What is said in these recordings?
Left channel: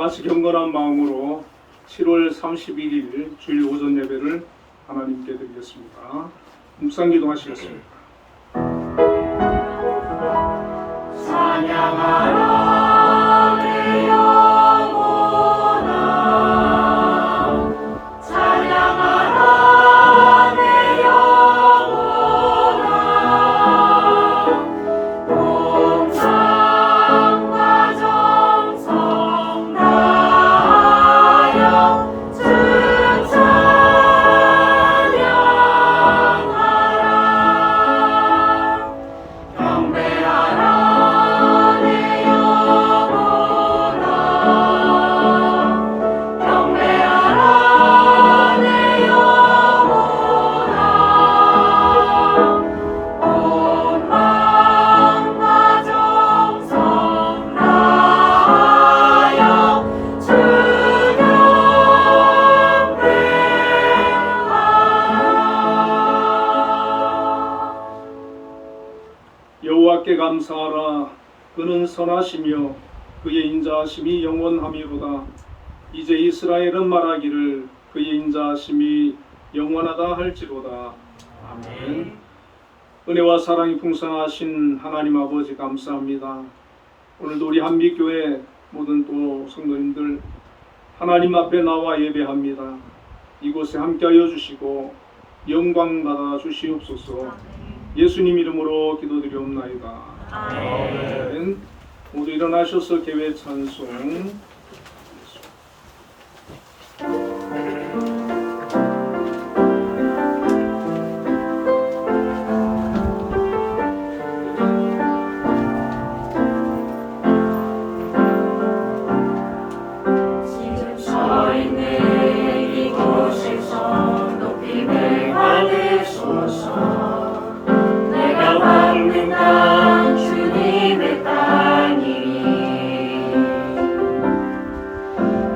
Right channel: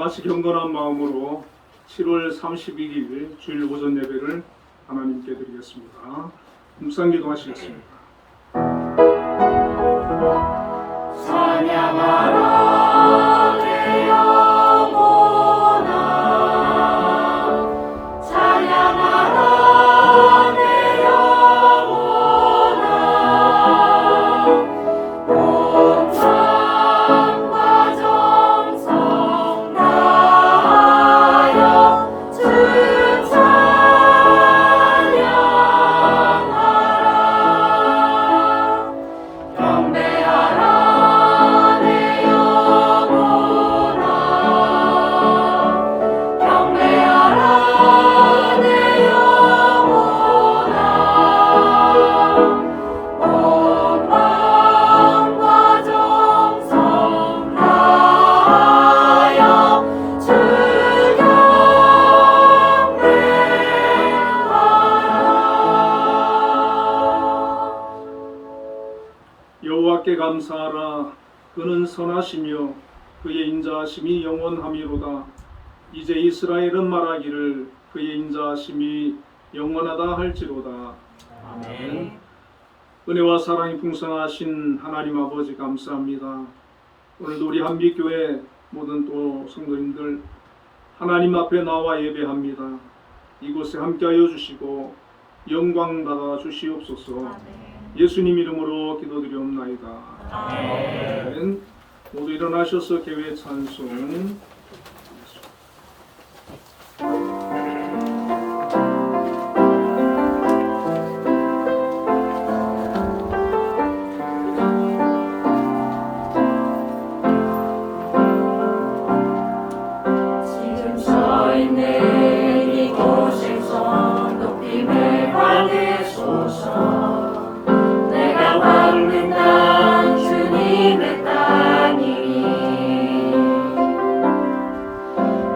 다같이 경건한 마음으로 7월 31일 주일 오전 예배를 하나님께 드리겠습니다. 묵상기도 하시겠습니다. 찬양하라 내 영혼아, 찬양하라 내 영혼아, 온 성과 정성 다하여 주 찬양하라. 경배하라 내 영혼아, 경배하라 내 영혼아, 온 마음과 정성 다하여 주 경배하라. 여호와께 감사하라. 그는 선하시며 그의 인자하심이 영원함이로다. 이제 이스라엘은 말하기를 그의 인자하심이 영원하다 할지로다. 아멘. 은혜와 사랑이 풍성하신 하나님 아버지 감사합니다. 오늘도 우리 한빛교회 모든 또 성도님들 하나님 앞에 나와 예배합니다. 이곳에 함께하여 주시고 영광 받아 주시옵소서. 예수님 이름으로 기도드리옵나이다. 아멘. 모두 일어나셔서 개회 찬송. 지금 서 있는 이곳에서 높임을 받으소서. 내가 밟는 땅 주님의 땅이니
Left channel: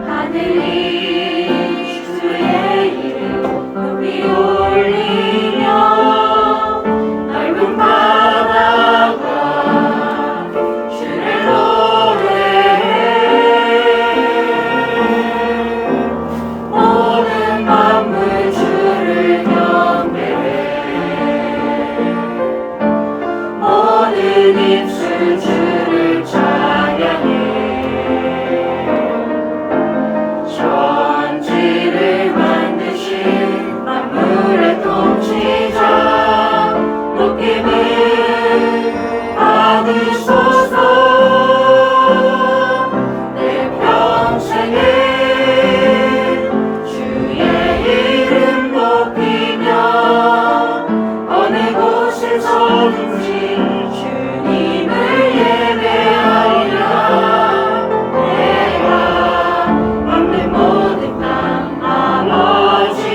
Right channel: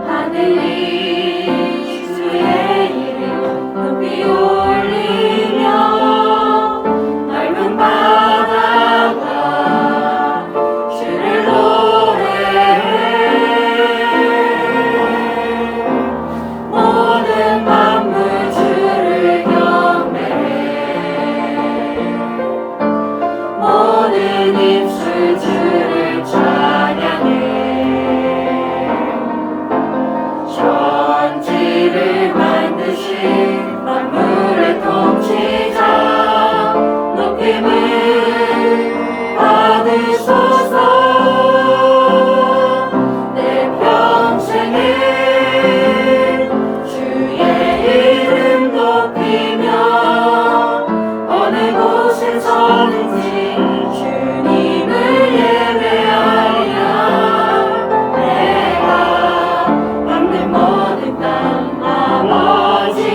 하늘이 주의 이름 높이 올리며 넓은 바다가 주를 노래해. 모든 만물 주를 경배해. 모든 입술 주를 찬양해. 천지를 만드신 만물의 통치자 높임을 받으소서. 내 평생을 주의 이름 높이며 어느 곳에서든지 주님을 예배하리라. 내가 밟는 모든 땅 아버지의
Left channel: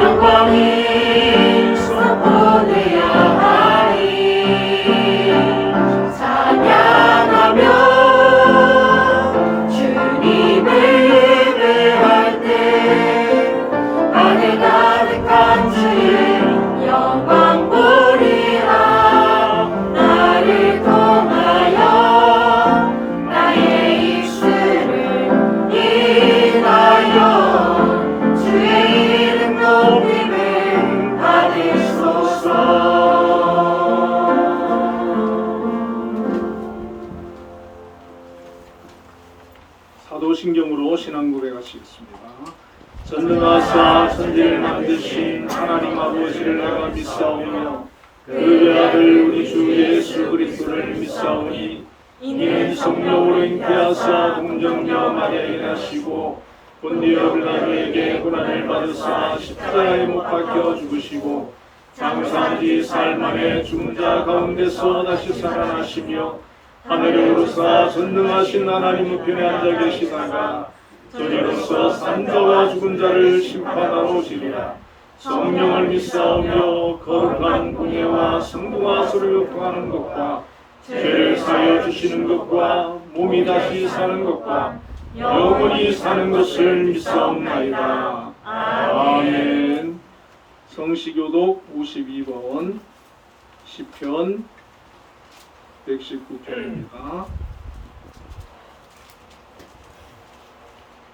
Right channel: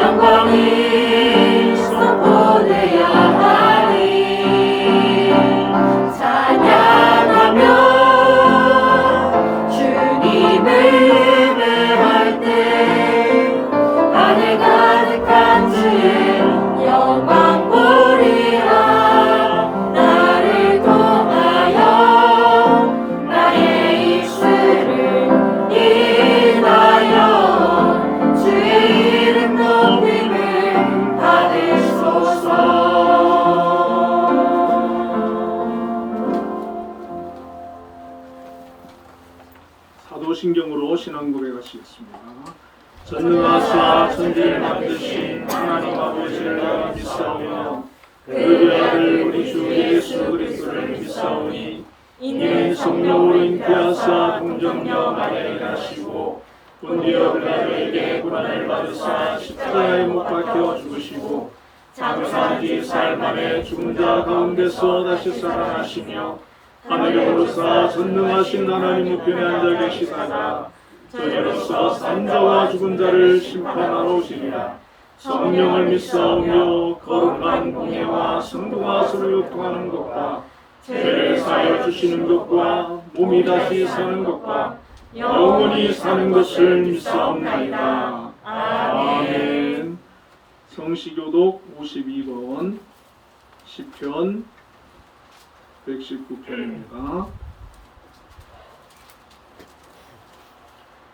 영광을 선포되어야 하리. 찬양하며 주님을 예배할 때 하늘 가득한 주의 영광 보리라. 나를 통하여 나의 입술을 인하여 주의 이름 높임을 받으소서. 사도신경으로 신앙 고백하시겠습니다. 전능하사 천지를 만드신 하나님 아버지를 내가 믿사오며 그의 아들 우리 주 예수 그리스도를 믿사오니 이는 성령으로 잉태하사 동정녀 마리아에 나시고 본디오 빌라도에게 고난을 받으사 십자가에 못 박혀 죽으시고 장사 뒤 사흘 만에 죽은 자 가운데서 다시 살아나시며 하늘에 오르사 전능하신 하나님 우편에 앉아 계시다가 저리로서 산자와 죽은 자를 심판하러 오시리라. 성령을 믿사오며 거룩한 공예와 성부와 서로 교통하는 것과 죄를 사하여 주시는 것과 몸이 다시 사는 것과 영원히 사는 것을 믿사옵나이다. 아멘. 성시교독 52번 시편 119편입니다.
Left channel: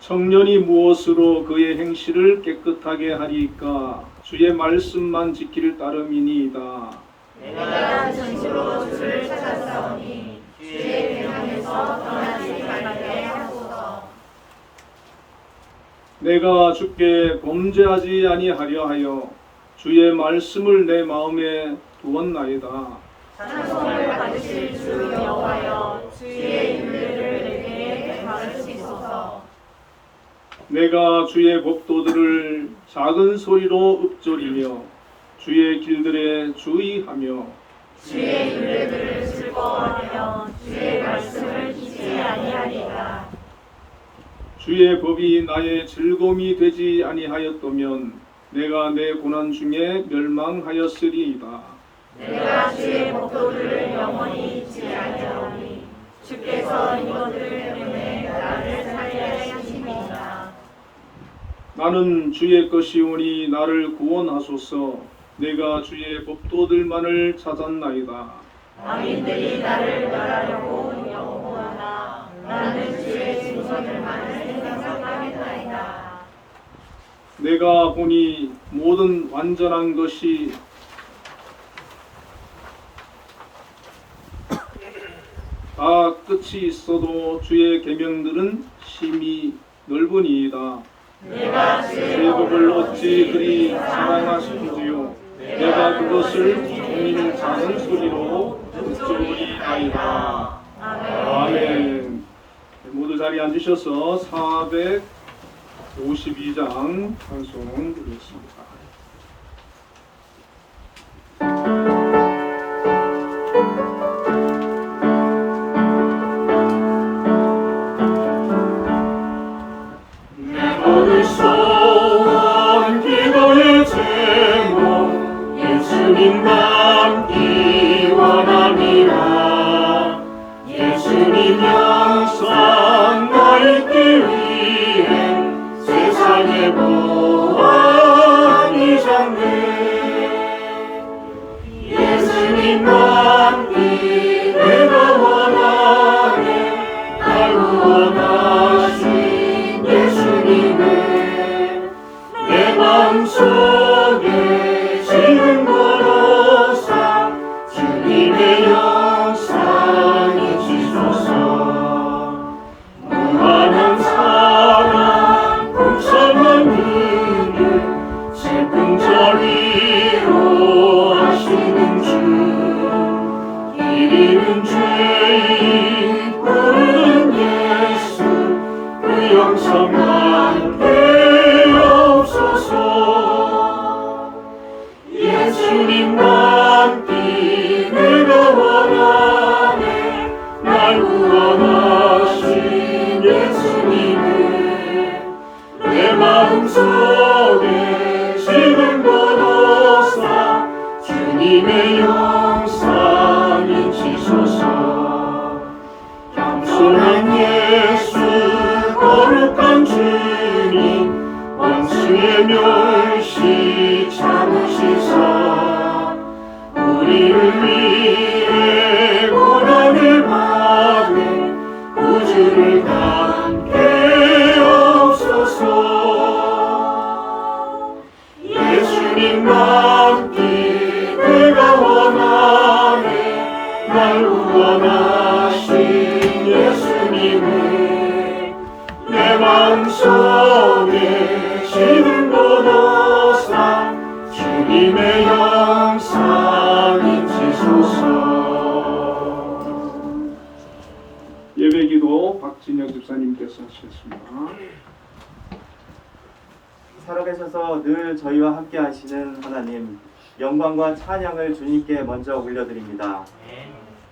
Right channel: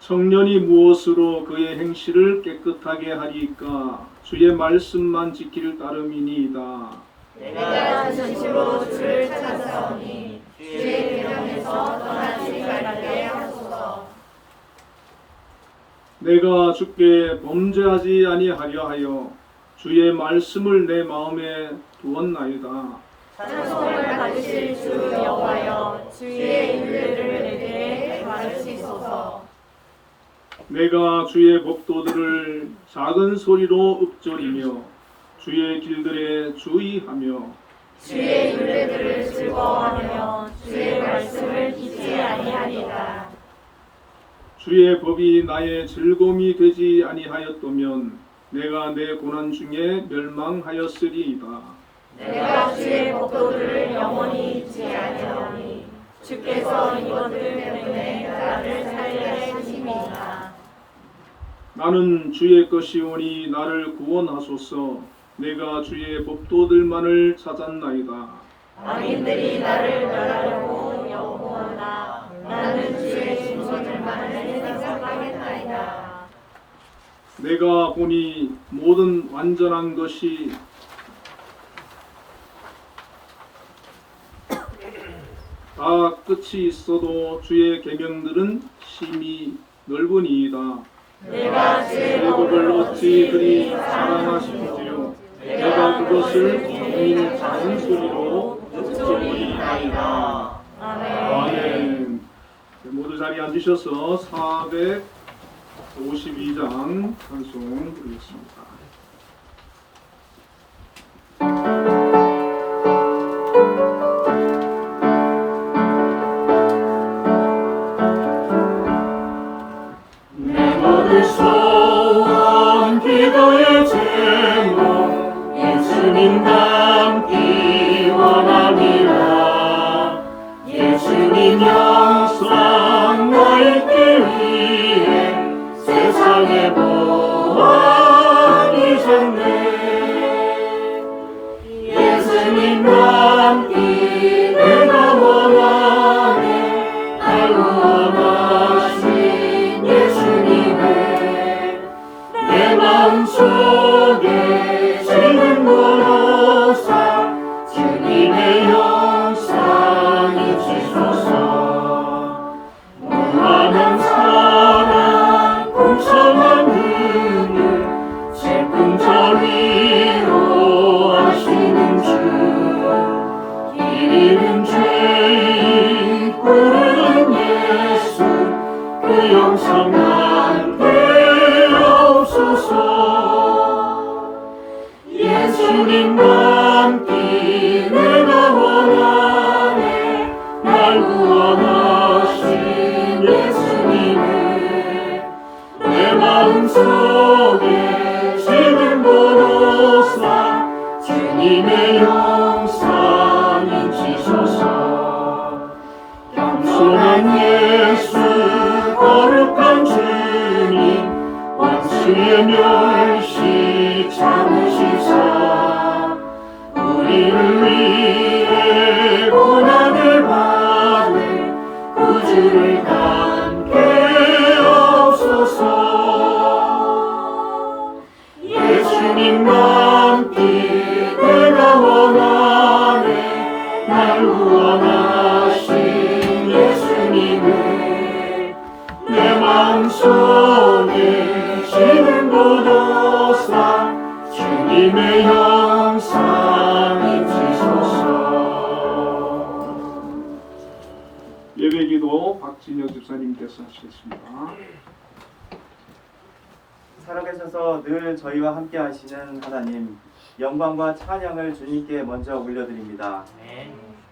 청년이 무엇으로 그의 행실을 깨끗하게 하리까? 주의 말씀만 지킬 따름이니이다. 내가 진심으로 주를 찾아오니 주의 계명에서 떠나지 말게 하소서. 내가 주께 범죄하지 아니하려 하여 주의 말씀을 내 마음에 두었나이다. 찬송을 받으실 주 여호와여, 주의 율례를 내게 가르치소서. 내가 주의 법도들을 작은 소리로 읊조리며 주의 길들에 주의하며 주의 율례들을 즐거워하며 주의 말씀을 잊지 아니하리다. 주의 법이 나의 즐거움이 되지 아니하였다면 내가 내 고난 중에 멸망하였으리이다. 내가 주의 법도들을 영원히 잊지 아니하오니 주께서 이것들 때문에 나를 살게 하시니라. 나는 주의 것이오니 나를 구원하소서. 내가 주의 법도들만을 찾았나이다. 악인들이 나를 멸하려고 연구하나 나는 주의 증거들만을 생각하겠나이다. 내가 보니 모든 완전한 것이 다 끝이 있어도 주의 계명들은 심히 넓으니이다. 내가 내 법을 어찌 그리 사랑하시는지요. 내가 그것을 종일 작은 소리로 읊조리나이다. 아멘. 모두 자리에 앉으셔서 452장 찬송 드리겠습니다. 내 모든 소원 기도의 제목 예수님 닮기 원합니다. 예수님 영상 나 있기 위해 세상의 보안이 졌네. 예수님 닮기 내가 원하네. 날 구원하신 예수님의 내 마음속에 지금보로사 주님의 영상이 지소서. 무한한 사랑 풍성한 은혜 슬픈 자 위로 하시는 주 길 잃은 죄인 부르는 예수 그 영상 함께 없소서. 예수님 닮기 내가 원하네. 날 구원하신 예수님의 내 마음속에 지금보로사 주님의 영상이 지소서. 겸손한 예수 거룩한 주님 원수의 멸시 참으시사 우리를 위해 고난을 받은 구주를 함께 없소서. 예수님 닮기 내가 원하네. 날 구원하신 예수님의 내 마음속에 지금보로사 주님의 영상이 지소서. 예배기도 박진혁 집사님께서 하시겠습니다. 살아계셔서 늘 저희와 함께 하시는 하나님, 영광과 찬양을 주님께 먼저 올려드립니다.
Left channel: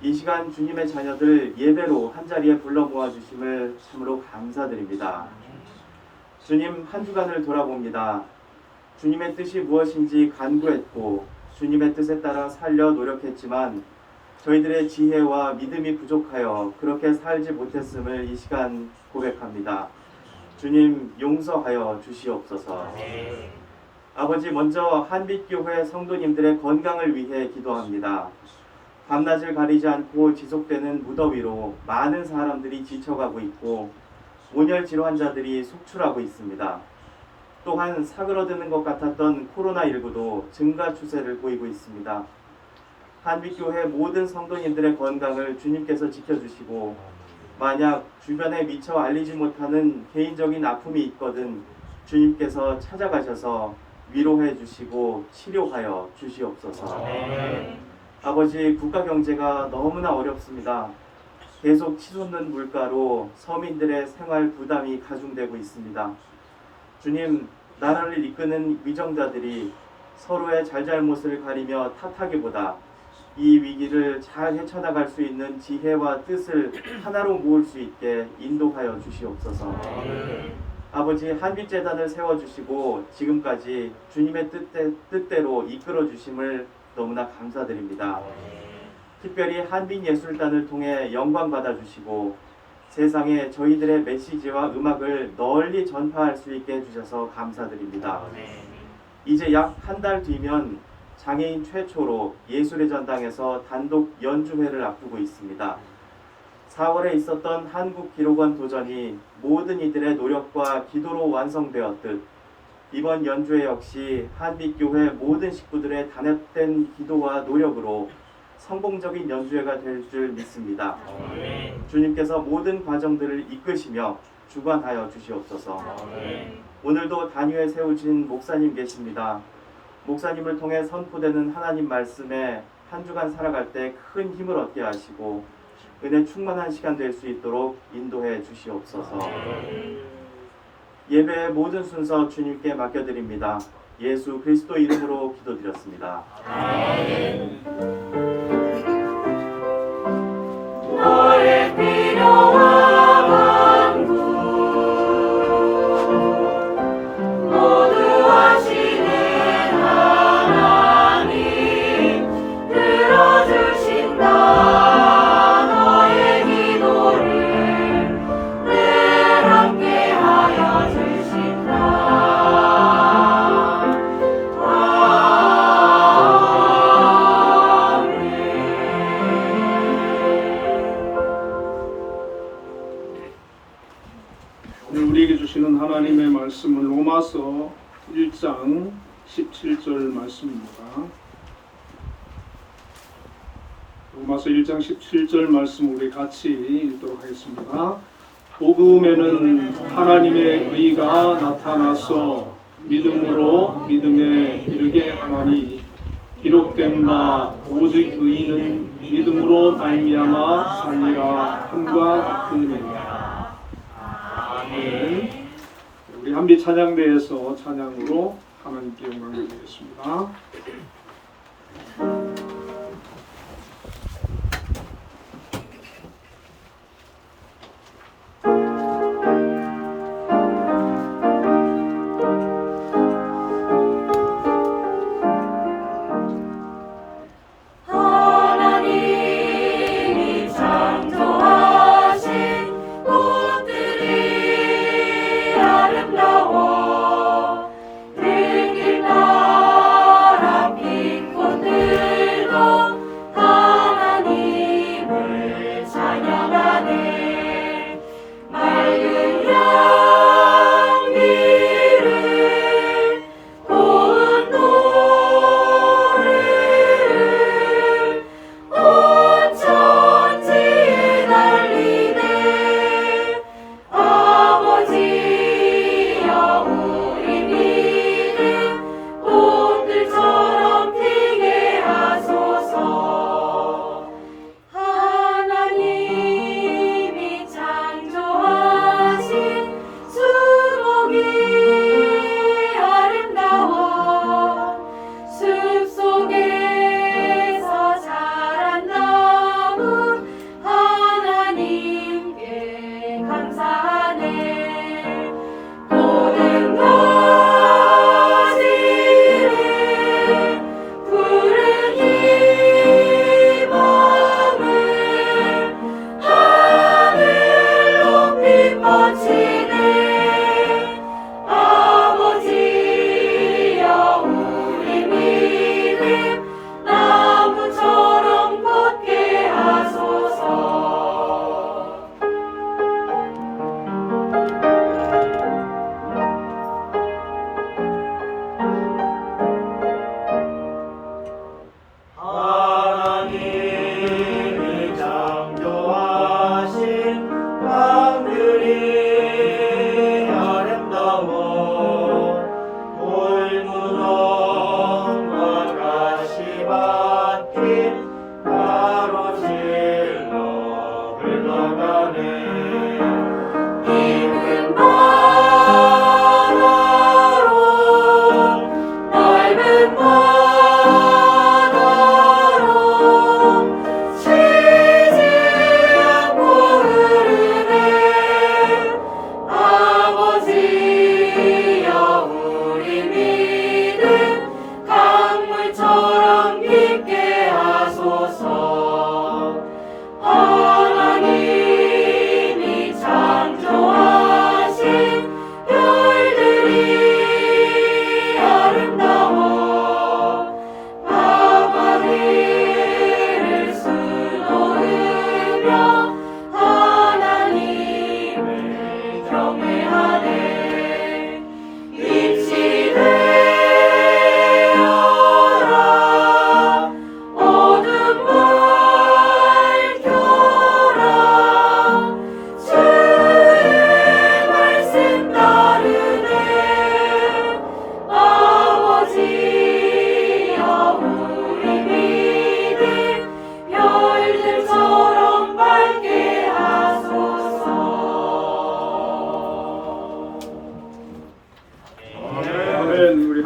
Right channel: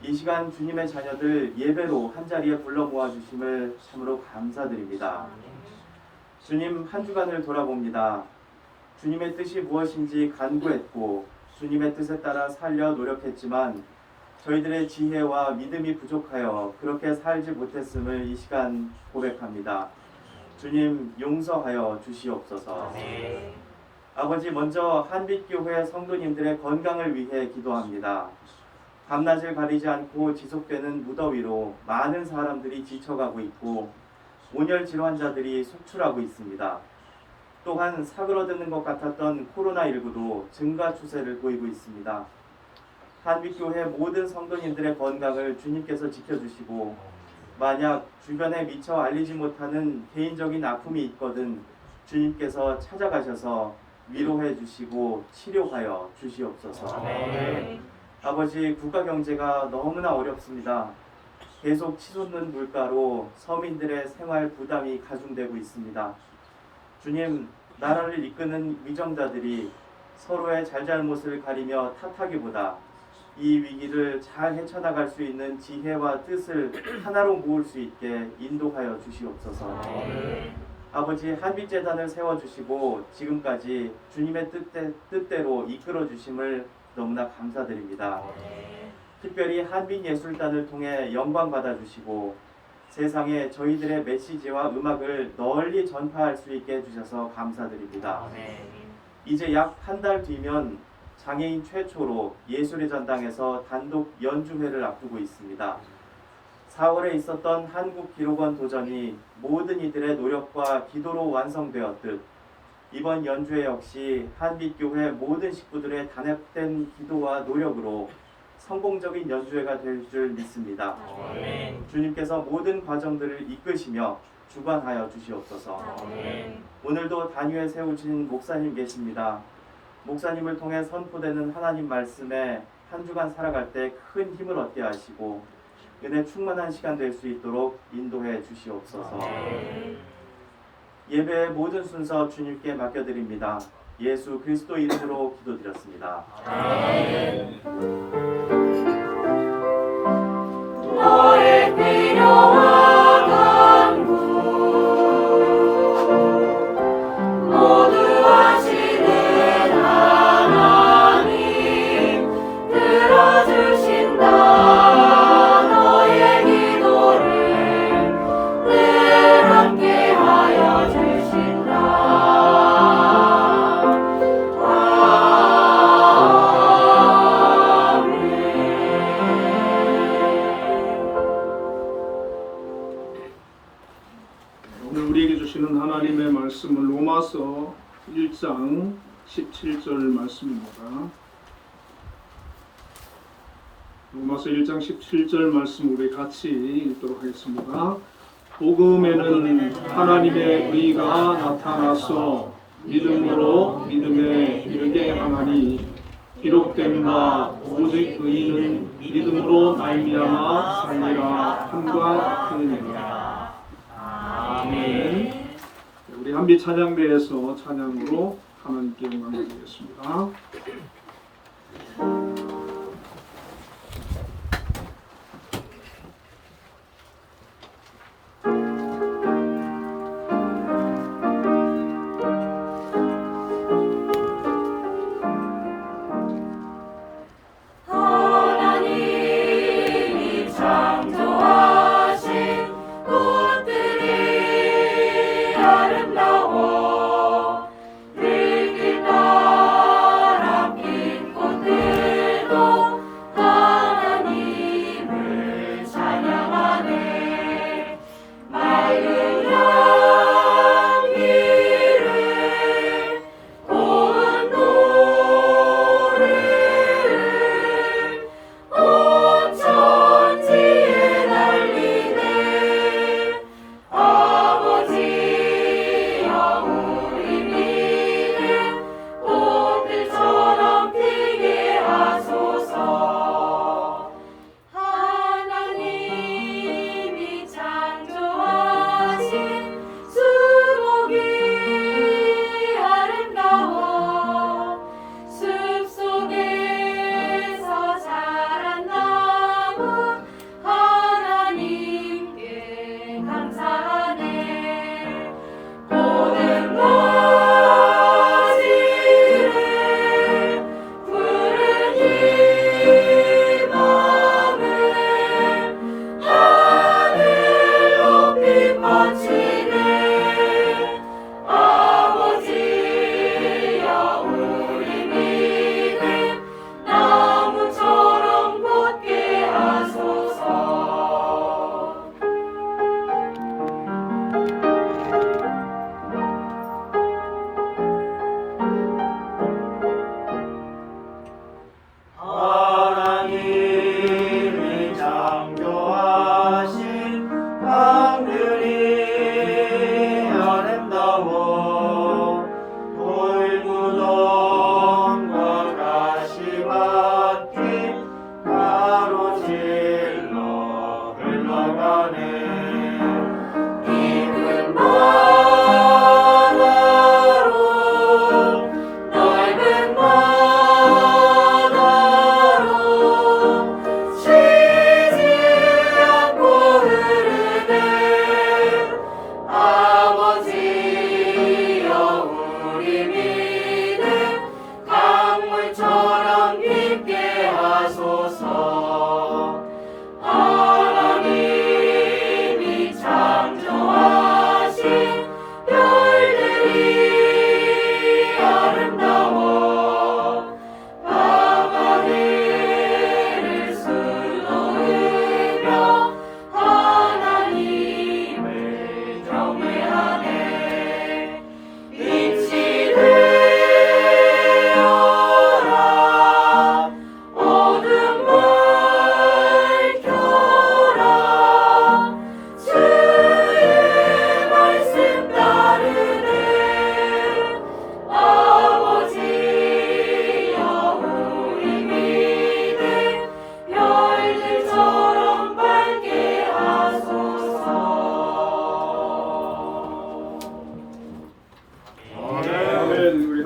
이 시간 주님의 자녀들 예배로 한자리에 불러 모아주심을 참으로 감사드립니다. 주님, 한 주간을 돌아봅니다. 주님의 뜻이 무엇인지 간구했고 주님의 뜻에 따라 살려 노력했지만 저희들의 지혜와 믿음이 부족하여 그렇게 살지 못했음을 이 시간 고백합니다. 주님, 용서하여 주시옵소서. 아버지, 먼저 한빛교회 성도님들의 건강을 위해 기도합니다. 밤낮을 가리지 않고 지속되는 무더위로 많은 사람들이 지쳐가고 있고 온열 질환자들이 속출하고 있습니다. 또한 사그러드는 것 같았던 코로나19도 증가 추세를 보이고 있습니다. 한빛교회 모든 성도님들의 건강을 주님께서 지켜주시고 만약 주변에 미처 알리지 못하는 개인적인 아픔이 있거든 주님께서 찾아가셔서 위로해 주시고 치료하여 주시옵소서. 아버지, 국가 경제가 너무나 어렵습니다. 계속 치솟는 물가로 서민들의 생활 부담이 가중되고 있습니다. 주님, 나라를 이끄는 위정자들이 서로의 잘잘못을 가리며 탓하기보다 이 위기를 잘 헤쳐나갈 수 있는 지혜와 뜻을 하나로 모을 수 있게 인도하여 주시옵소서. 아버지, 한빛재단을 세워주시고 지금까지 주님의 뜻대로 이끌어 주심을 너무나 감사드립니다. 특별히 한빛예술단을 통해 영광 받아주시고 세상에 저희들의 메시지와 음악을 널리 전파할 수 있게 해주셔서 감사드립니다. 이제 약 한 달 뒤면 장애인 최초로 예술의 전당에서 단독 연주회를 앞두고 있습니다. 4월에 있었던 한국기록원 도전이 모든 이들의 노력과 기도로 완성되었듯 이번 연주회 역시 한빛교회 모든 식구들의 단합된 기도와 노력으로 성공적인 연주회가 될 줄 믿습니다. 주님께서 모든 과정들을 이끄시며 주관하여 주시옵소서. 오늘도 단위에 세우신 목사님 계십니다. 목사님을 통해 선포되는 하나님 말씀에 한 주간 살아갈 때 큰 힘을 얻게 하시고 은혜 충만한 시간 될 수 있도록 인도해 주시옵소서. 예배의 모든 순서 주님께 맡겨드립니다. 예수 그리스도 이름으로 기도드렸습니다. 너의 필요와 간구 모두 아시는 하나님 들어주신다. 너의 기도를 늘 함께하여 주신다. 오늘 우리에게 주시는 하나님의 말씀은 로마서 1장 17절 말씀입니다. 로마서 1장 17절 말씀 우리 같이 읽도록 하겠습니다. 복음에는 하나님의 의가 나타나서 믿음으로 믿음에 이르게 하나니 기록된 바 오직 의인은 믿음으로 말미암아 살리라 함과 같으니라. 아멘. 우리 한빛 찬양대에서 찬양으로 하나님께 영광 드리겠습니다. 하나님이 창조하신 꽃들이 아름다워 들길 따라 핀 꽃들도 하나님을 찬양하네. 맑은 향기를 고운 노를 온 천지에 날리네. 아버지여 우리 믿음 꽃들처럼 피게 하소서. 하나님이 창조하신 수목이 아름다워 숲속에서 자란 나무 하나님께 감사하네. 모든 가지를 푸른 이 마음을 하늘 높이 뻗치네. 아버지여 우리 믿음 나무처럼 뻗게 하소서.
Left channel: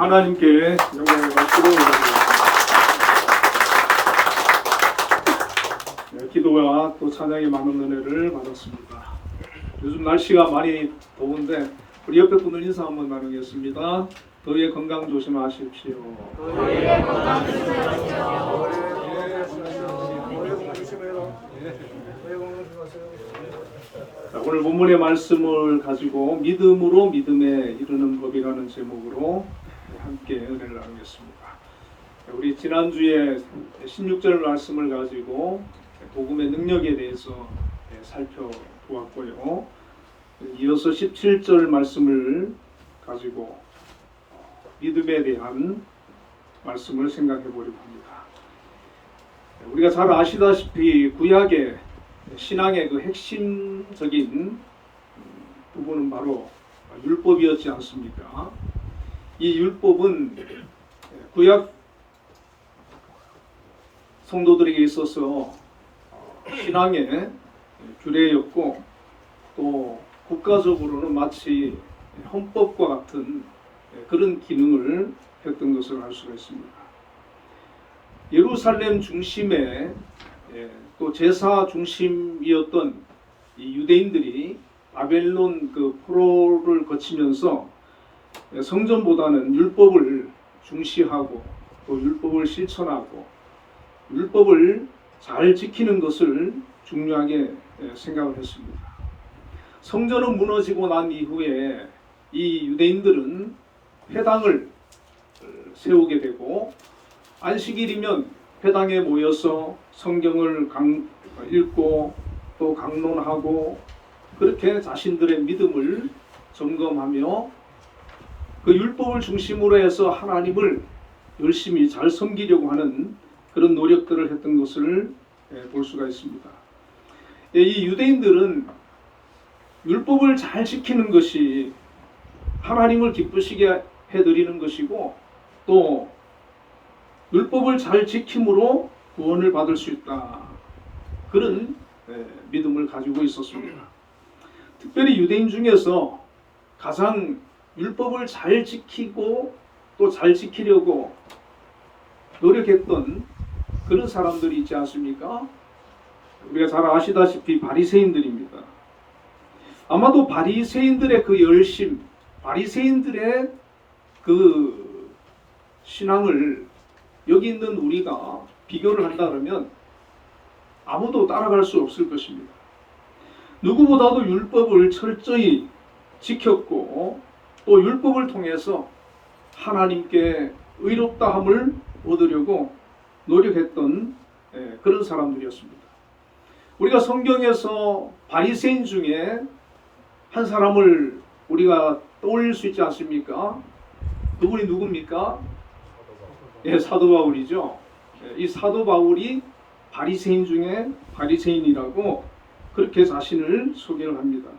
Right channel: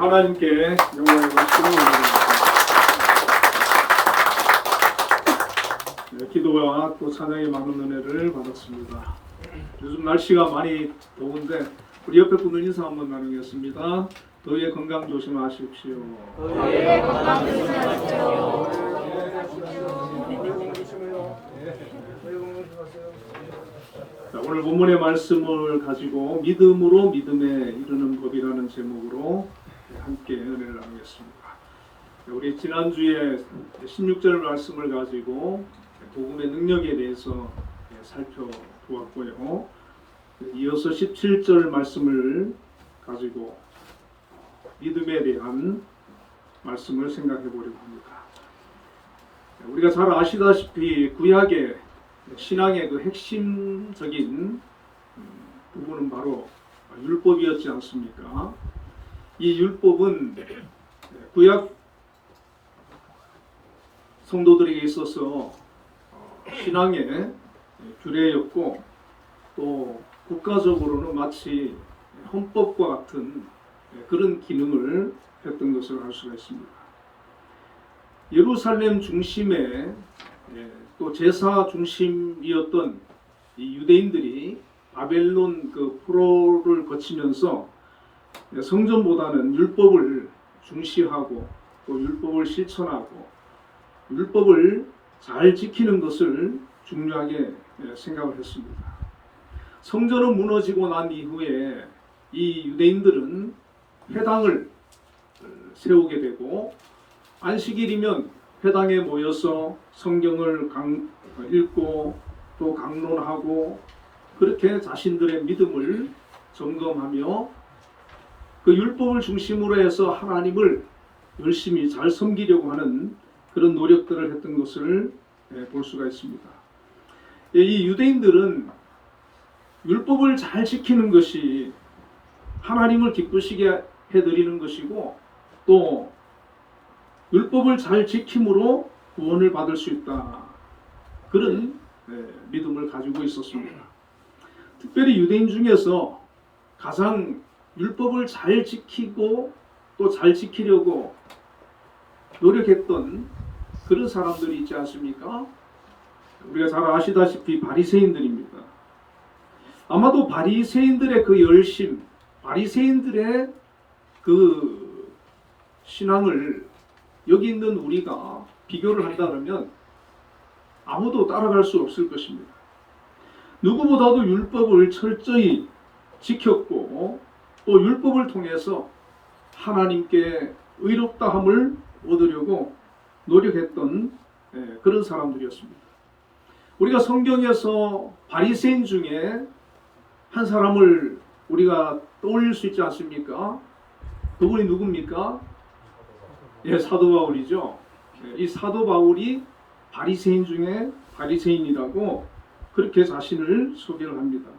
하나님께 영광을 올려드리겠습니다. 네, 기도와 또 찬양의 많은 은혜를 받았습니다. 요즘 날씨가 많이 더운데 우리 옆에 분들 인사 한번 나누겠습니다. 너희의 건강 조심하십시오. 자, 오늘 본문의 말씀을 가지고 믿음으로 믿음에 이르는 법이라는 제목으로 함께 은혜를 나누겠습니다. 우리 지난주에 16절 말씀을 가지고 복음의 능력에 대해서 살펴보았고요. 이어서 17절 말씀을 가지고 믿음에 대한 말씀을 생각해 보려고 합니다. 우리가 잘 아시다시피 구약의 신앙의 그 핵심적인 부분은 바로 율법이었지 않습니까? 이 율법은 구약 성도들에게 있어서 신앙의 규례였고 또 국가적으로는 마치 헌법과 같은 그런 기능을 했던 것을 알 수가 있습니다. 예루살렘 중심에 또 제사 중심이었던 이 유대인들이 바벨론 그 포로를 거치면서 성전보다는 율법을 중시하고 또 율법을 실천하고 율법을 잘 지키는 것을 중요하게 생각을 했습니다. 성전은 무너지고 난 이후에 이 유대인들은 회당을 세우게 되고 안식일이면 회당에 모여서 성경을 읽고 또 강론하고 그렇게 자신들의 믿음을 점검하며 그 율법을 중심으로 해서 하나님을 열심히 잘 섬기려고 하는 그런 노력들을 했던 것을 볼 수가 있습니다. 이 유대인들은 율법을 잘 지키는 것이 하나님을 기쁘시게 해드리는 것이고 또 율법을 잘 지킴으로 구원을 받을 수 있다. 그런 믿음을 가지고 있었습니다. 특별히 유대인 중에서 가장 율법을 잘 지키고 또 잘 지키려고 노력했던 그런 사람들이 있지 않습니까? 우리가 잘 아시다시피 바리새인들입니다. 아마도 바리새인들의 그 열심, 바리새인들의 그 신앙을 여기 있는 우리가 비교를 한다면 아무도 따라갈 수 없을 것입니다. 누구보다도 율법을 철저히 지켰고 또 율법을 통해서 하나님께 의롭다함을 얻으려고 노력했던 그런 사람들이었습니다. 우리가 성경에서 바리새인 중에 한 사람을 우리가 떠올릴 수 있지 않습니까? 그분이 누굽니까? 사도 바울이죠. 이 사도 바울이 바리새인 중에 바리새인이라고 그렇게 자신을 소개를 합니다.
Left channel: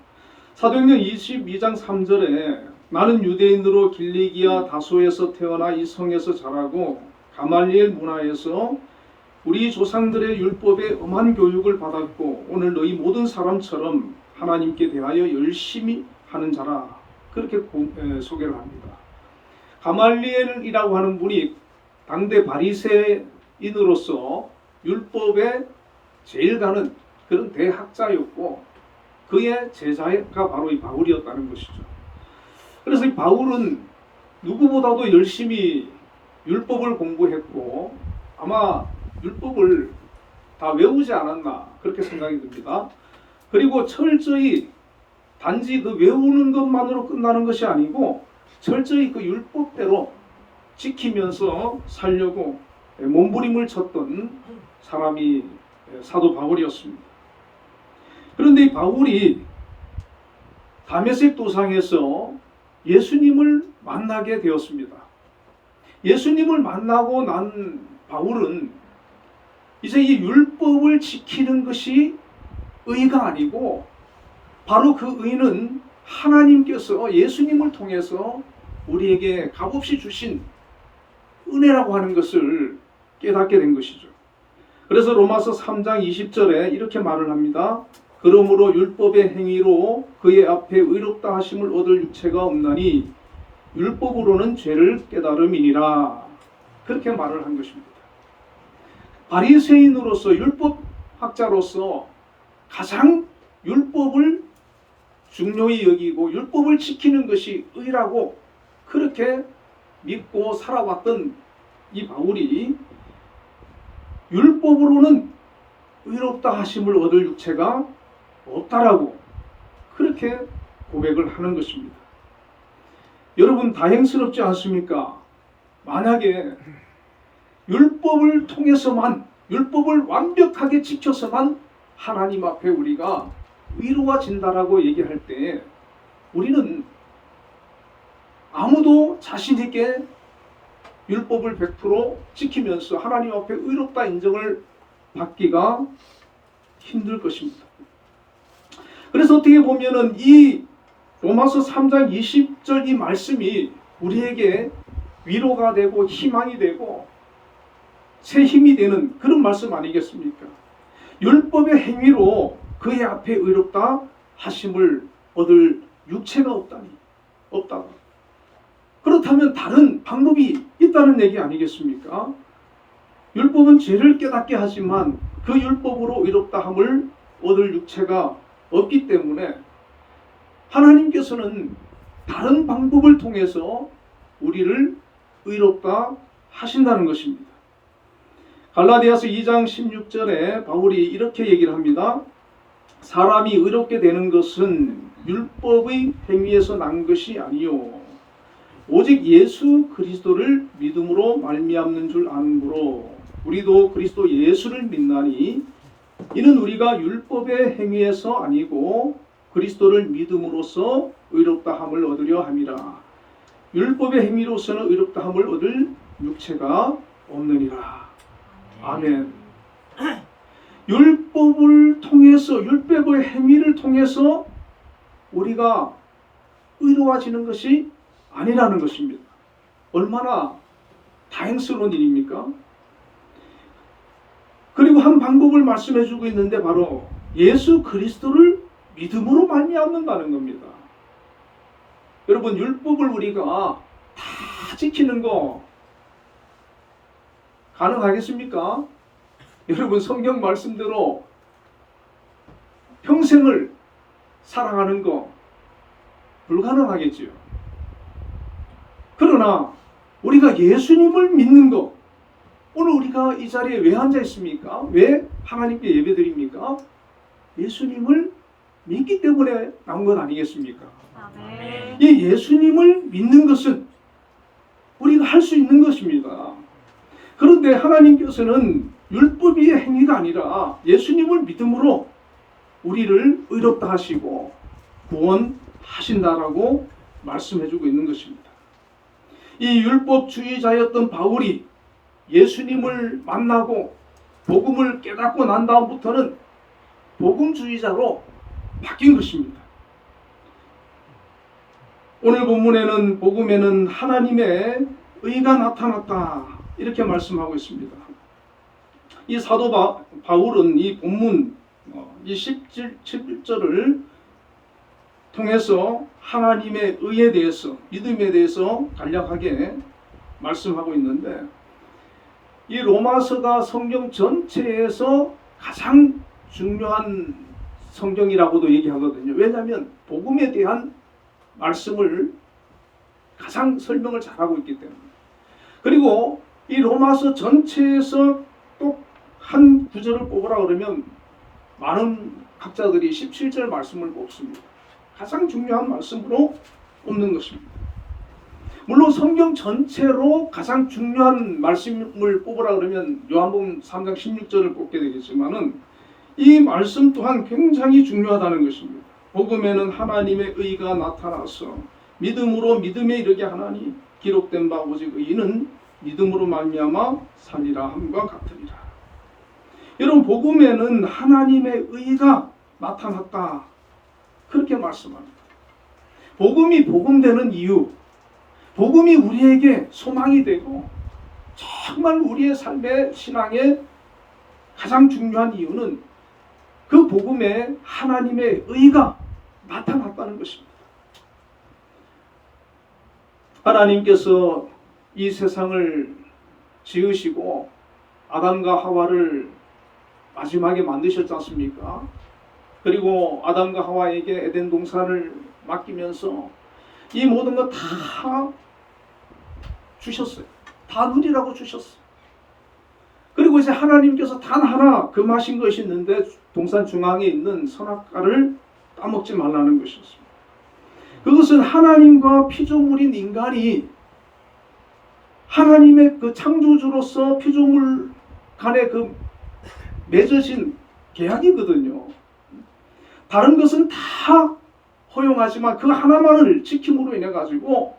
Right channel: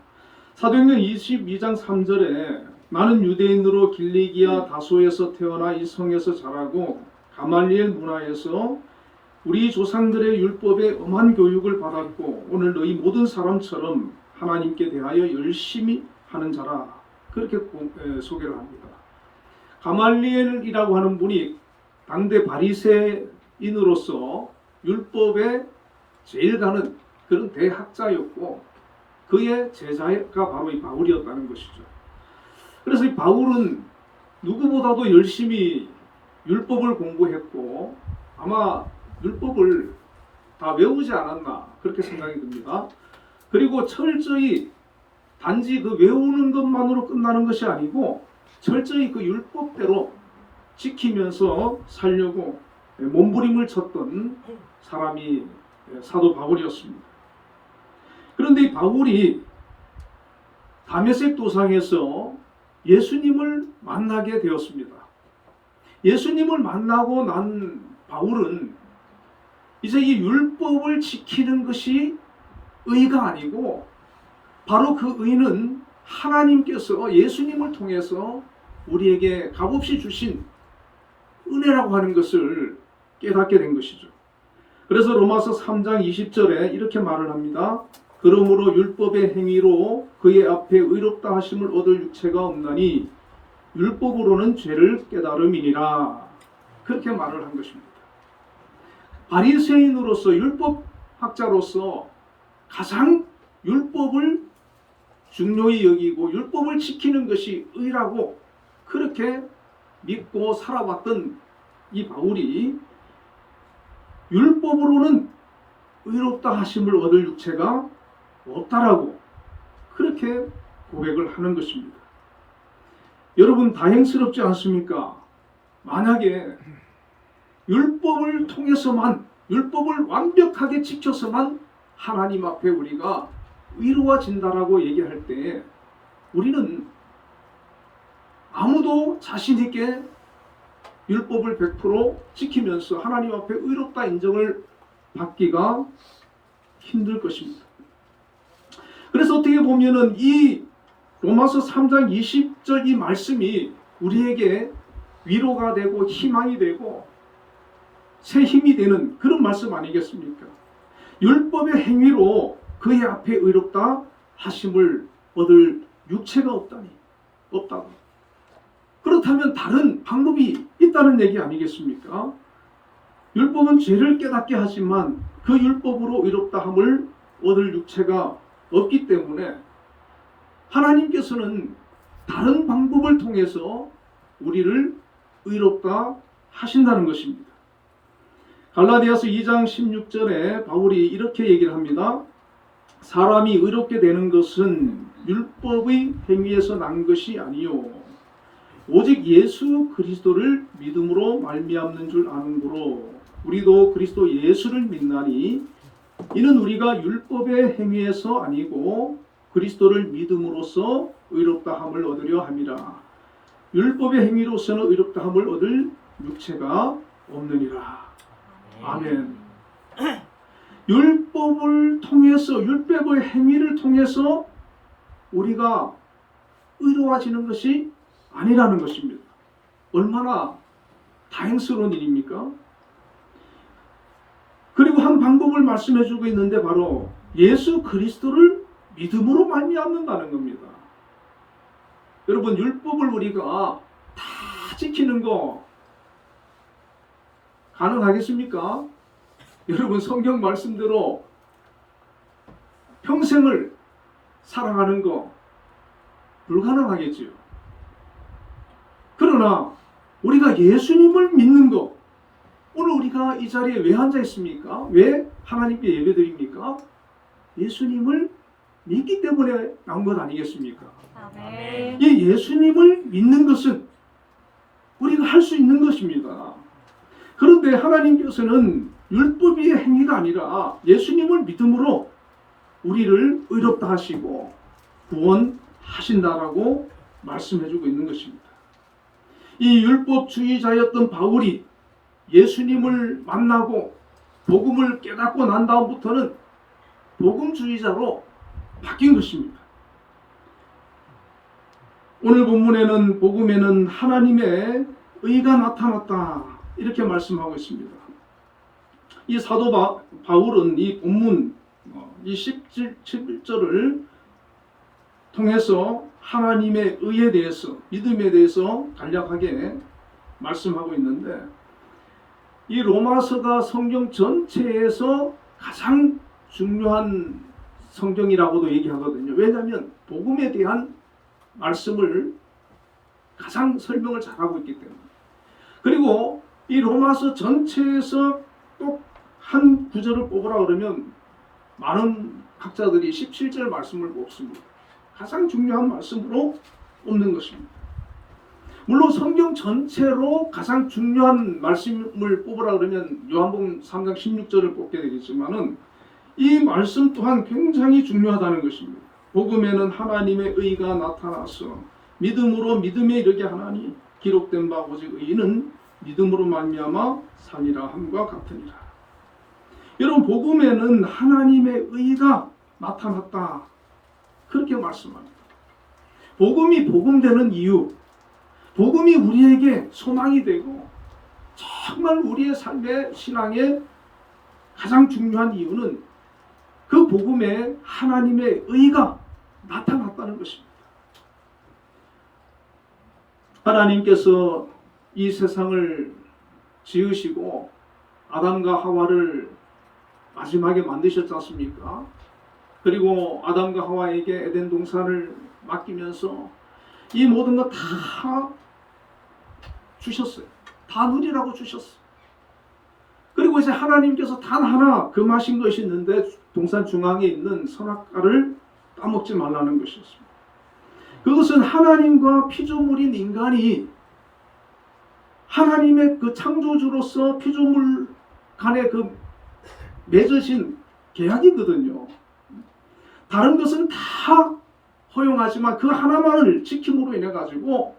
사도행전 22장 3절에 나는 유대인으로 길리기아 다소에서 태어나 이 성에서 자라고 가말리엘 문화에서 우리 조상들의 율법에 엄한 교육을 받았고 오늘 너희 모든 사람처럼 하나님께 대하여 열심히 하는 자라 그렇게 소개를 합니다. 가말리엘이라고 하는 분이 당대 바리새인으로서 율법에 제일 가는 그런 대학자였고 그의 제자가 바로 이 바울이었다는 것이죠. 그래서 이 바울은 누구보다도 열심히 율법을 공부했고 아마 율법을 다 외우지 않았나 그렇게 생각이 듭니다. 그리고 철저히 단지 그 외우는 것만으로 끝나는 것이 아니고 철저히 그 율법대로 지키면서 살려고 몸부림을 쳤던 사람이 사도 바울이었습니다. 그런데 이 바울이 다메섹 도상에서 예수님을 만나게 되었습니다. 예수님을 만나고 난 바울은 이제 이 율법을 지키는 것이 의가 아니고 바로 그 의는 하나님께서 예수님을 통해서 우리에게 값없이 주신 은혜라고 하는 것을 깨닫게 된 것이죠. 그래서 로마서 3장 20절에 이렇게 말을 합니다. 그러므로 율법의 행위로 그의 앞에 의롭다 하심을 얻을 육체가 없나니 율법으로는 죄를 깨달음이니라. 그렇게 말을 한 것입니다. 바리새인으로서 율법학자로서 가장 율법을 중요히 여기고 율법을 지키는 것이 의라고 그렇게 믿고 살아왔던 이 바울이 율법으로는 의롭다 하심을 얻을 육체가 없다라고 그렇게 고백을 하는 것입니다. 여러분 다행스럽지 않습니까? 만약에 율법을 통해서만 율법을 완벽하게 지켜서만 하나님 앞에 우리가 의로워진다라고 얘기할 때 우리는 아무도 자신 있게 율법을 100% 지키면서 하나님 앞에 의롭다 인정을 받기가 힘들 것입니다. 그래서 어떻게 보면은 이 로마서 3장 20절 이 말씀이 우리에게 위로가 되고 희망이 되고 새 힘이 되는 그런 말씀 아니겠습니까? 율법의 행위로 그의 앞에 의롭다 하심을 얻을 육체가 없다고. 그렇다면 다른 방법이 있다는 얘기 아니겠습니까? 율법은 죄를 깨닫게 하지만 그 율법으로 의롭다 함을 얻을 육체가 없기 때문에 하나님께서는 다른 방법을 통해서 우리를 의롭다 하신다는 것입니다. 갈라디아서 2장 16절에 바울이 이렇게 얘기를 합니다. 사람이 의롭게 되는 것은 율법의 행위에서 난 것이 아니요 오직 예수 그리스도를 믿음으로 말미암는 줄 아는고로 우리도 그리스도 예수를 믿나니 이는 우리가 율법의 행위에서 아니고 그리스도를 믿음으로써 의롭다함을 얻으려 함이라. 율법의 행위로서는 의롭다함을 얻을 육체가 없느니라. 아멘. 율법을 통해서 율법의 행위를 통해서 우리가 의로워지는 것이 아니라는 것입니다. 얼마나 다행스러운 일입니까? 그리고 한 방법을 말씀해 주고 있는데 바로 예수 그리스도를 믿음으로 말미암는다는 겁니다. 여러분 율법을 우리가 다 지키는 거 가능하겠습니까? 여러분 성경 말씀대로 평생을 사랑하는 거 불가능하겠지요. 그러나 우리가 예수님을 믿는 거 오늘 우리가 이 자리에 왜 앉아 있습니까? 왜 하나님께 예배드립니까? 예수님을 믿기 때문에 나온 것 아니겠습니까? 아멘. 이 예수님을 믿는 것은 우리가 할 수 있는 것입니다. 그런데 하나님께서는 율법의 행위가 아니라 예수님을 믿음으로 우리를 의롭다 하시고 구원하신다라고 말씀해주고 있는 것입니다. 이 율법주의자였던 바울이 예수님을 만나고 복음을 깨닫고 난 다음부터는 복음주의자로 바뀐 것입니다. 오늘 본문에는 복음에는 하나님의 의가 나타났다 이렇게 말씀하고 있습니다. 이 사도 바울은 이 본문 이 17절을 통해서 하나님의 의에 대해서 믿음에 대해서 간략하게 말씀하고 있는데 이 로마서가 성경 전체에서 가장 중요한 성경이라고도 얘기하거든요. 왜냐하면 복음에 대한 말씀을 가장 설명을 잘하고 있기 때문에. 그리고 이 로마서 전체에서 또 한 구절을 뽑으라 그러면 많은 학자들이 17절 말씀을 뽑습니다. 가장 중요한 말씀으로 뽑는 것입니다. 물론 성경 전체로 가장 중요한 말씀을 뽑으라 그러면 요한복음 3장 16절을 뽑게 되겠지만은 이 말씀 또한 굉장히 중요하다는 것입니다. 복음에는 하나님의 의가 나타나서 믿음으로 믿음에 이르게 하나니 기록된 바 오직 의인은 믿음으로 말미암아 사니라 함과 같으니라. 여러분 복음에는 하나님의 의가 나타났다 그렇게 말씀합니다. 복음이 복음되는 이유, 복음이 우리에게 소망이 되고 정말 우리의 삶의 신앙의 가장 중요한 이유는 그 복음에 하나님의 의가 나타났다는 것입니다. 하나님께서 이 세상을 지으시고 아담과 하와를 마지막에 만드셨지 않습니까? 그리고 아담과 하와에게 에덴 동산을 맡기면서 이 모든 것 다 주셨어요. 다 누리라고 주셨어요. 그리고 이제 하나님께서 단 하나 금하신 것이 있는데 동산 중앙에 있는 선악과를 따먹지 말라는 것이었습니다. 그것은 하나님과 피조물인 인간이 하나님의 그 창조주로서 피조물 간의 그 맺어진 계약이거든요. 다른 것은 다 허용하지만 그 하나만을 지킴으로 인해 가지고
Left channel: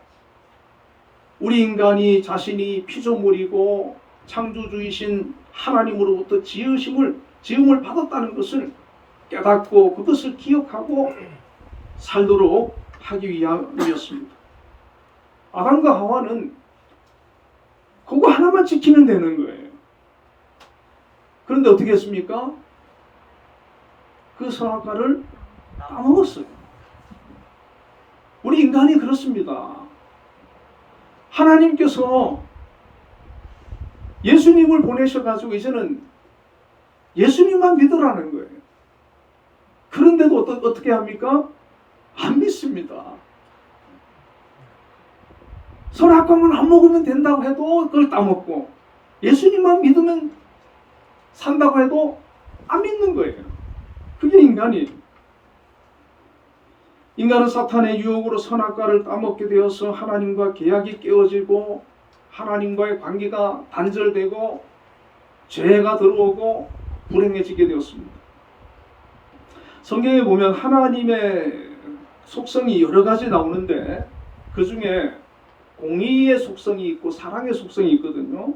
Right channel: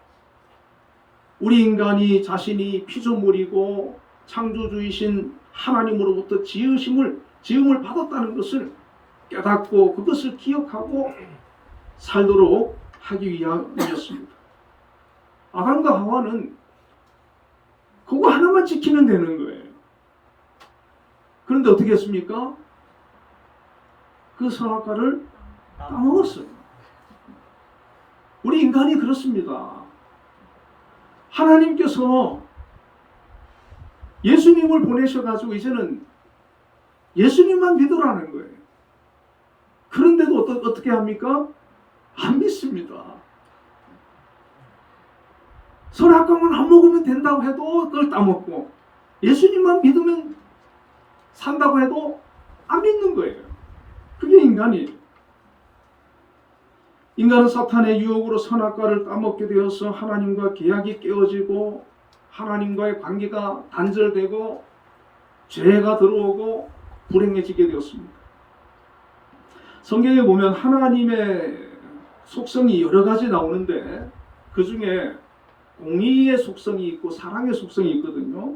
우리 인간이 자신이 피조물이고 창조주이신 하나님으로부터 지음을 받았다는 것을 깨닫고 그것을 기억하고 살도록 하기 위함이었습니다. 아담과 하와는 그거 하나만 지키면 되는 거예요. 그런데 어떻게 했습니까? 그 선악과를 따먹었어요. 우리 인간이 그렇습니다. 하나님께서 예수님을 보내셔가지고 이제는 예수님만 믿으라는 거예요. 그런데도 어떻게 합니까? 안 믿습니다. 선악과만 안 먹으면 된다고 해도 그걸 따먹고 예수님만 믿으면 산다고 해도 안 믿는 거예요. 그게 인간이에요. 인간은 사탄의 유혹으로 선악과를 따먹게 되어서 하나님과 계약이 깨어지고 하나님과의 관계가 단절되고 죄가 들어오고 불행해지게 되었습니다. 성경에 보면 하나님의 속성이 여러 가지 나오는데 그 중에 공의의 속성이 있고 사랑의 속성이 있거든요.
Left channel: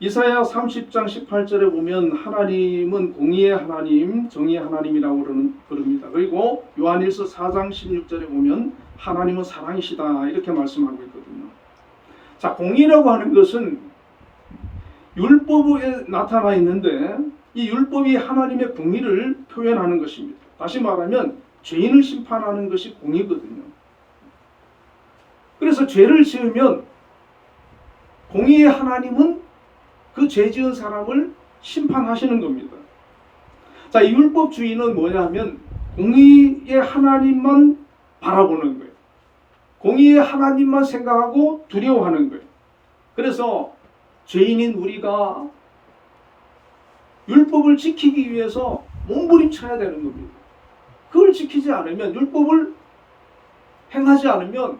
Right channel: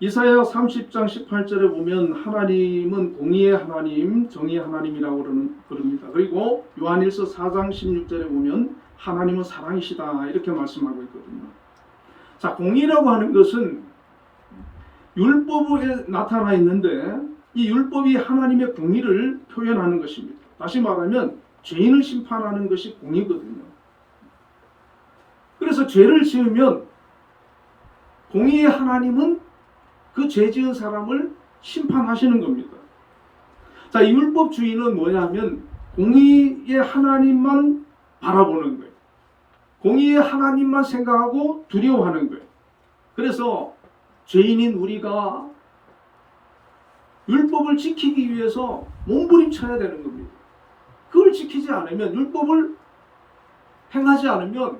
이사야 30장 18절에 보면 하나님은 공의의 하나님, 정의의 하나님이라고 그럽니다. 그리고 요한일서 4장 16절에 보면 하나님은 사랑이시다 이렇게 말씀하고 있거든요. 자, 공의라고 하는 것은 율법에 나타나 있는데 이 율법이 하나님의 공의를 표현하는 것입니다. 다시 말하면 죄인을 심판하는 것이 공의거든요. 그래서 죄를 지으면 공의의 하나님은 그 죄 지은 사람을 심판하시는 겁니다. 자, 이 율법주의는 뭐냐면 공의의 하나님만 바라보는 거예요. 공의의 하나님만 생각하고 두려워하는 거예요. 그래서 죄인인 우리가 율법을 지키기 위해서 몸부림쳐야 되는 겁니다. 그걸 지키지 않으면 율법을 행하지 않으면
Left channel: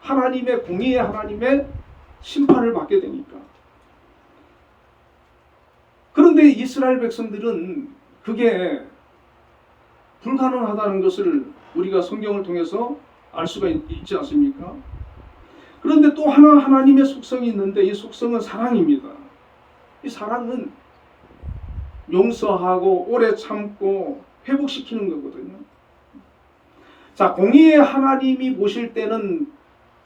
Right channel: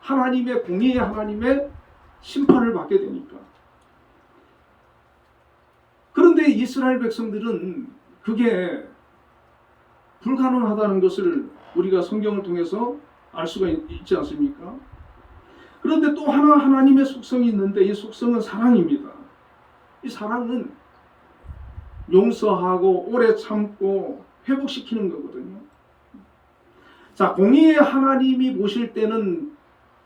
하나님의 공의의 하나님의 심판을 받게 되니까. 그런데 이스라엘 백성들은 그게 불가능하다는 것을 우리가 성경을 통해서 알 수가 있지 않습니까? 그런데 또 하나 하나님의 속성이 있는데 이 속성은 사랑입니다. 이 사랑은 용서하고 오래 참고 회복시키는 거거든요. 자, 공의의 하나님이 보실 때는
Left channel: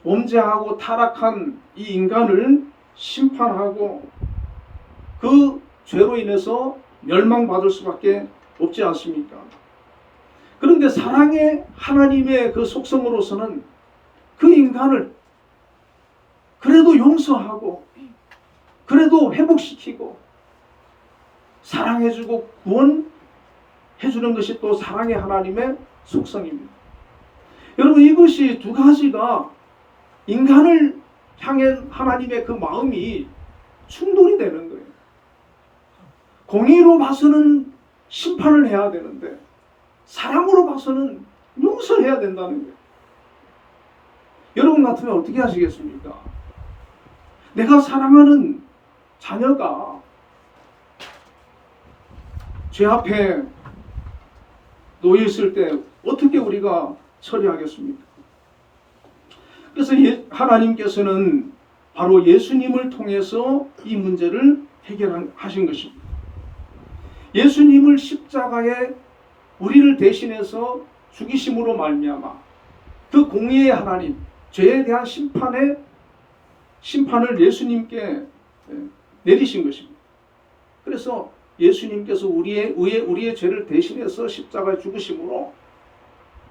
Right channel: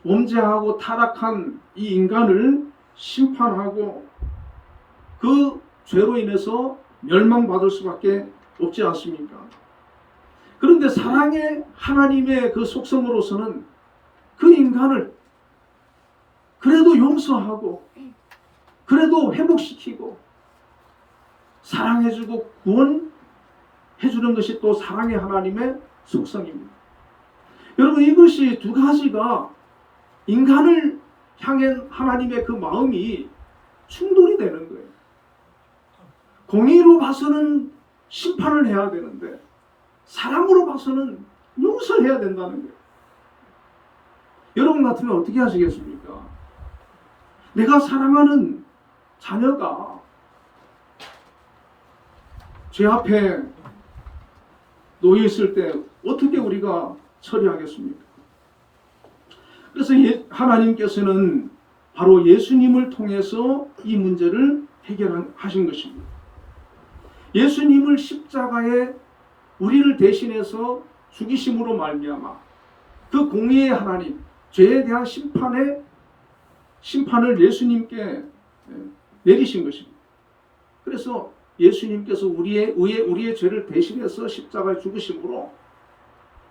범죄하고 타락한 이 인간을 심판하고 그 죄로 인해서 멸망받을 수밖에 없지 않습니까? 그런데 사랑의 하나님의 그 속성으로서는 그 인간을 그래도 용서하고 그래도 회복시키고 사랑해주고 구원해주는 것이 또 사랑의 하나님의 속성입니다. 여러분, 이것이 두 가지가 인간을 향한 하나님의 그 마음이 충돌이 되는 거예요. 공의로 봐서는 심판을 해야 되는데 사랑으로 봐서는 용서해야 된다는 거예요. 여러분 같으면 어떻게 하시겠습니까? 내가 사랑하는 자녀가 죄 앞에 놓여 있을 때 어떻게 우리가 처리하겠습니까? 그래서 하나님께서는 바로 예수님을 통해서 이 문제를 해결하신 것입니다. 예수님을 십자가에 우리를 대신해서 죽이심으로 말미암아 그 공의의 하나님, 죄에 대한 심판을 예수님께 내리신 것입니다. 그래서 예수님께서 우리의 죄를 대신해서 십자가에 죽으심으로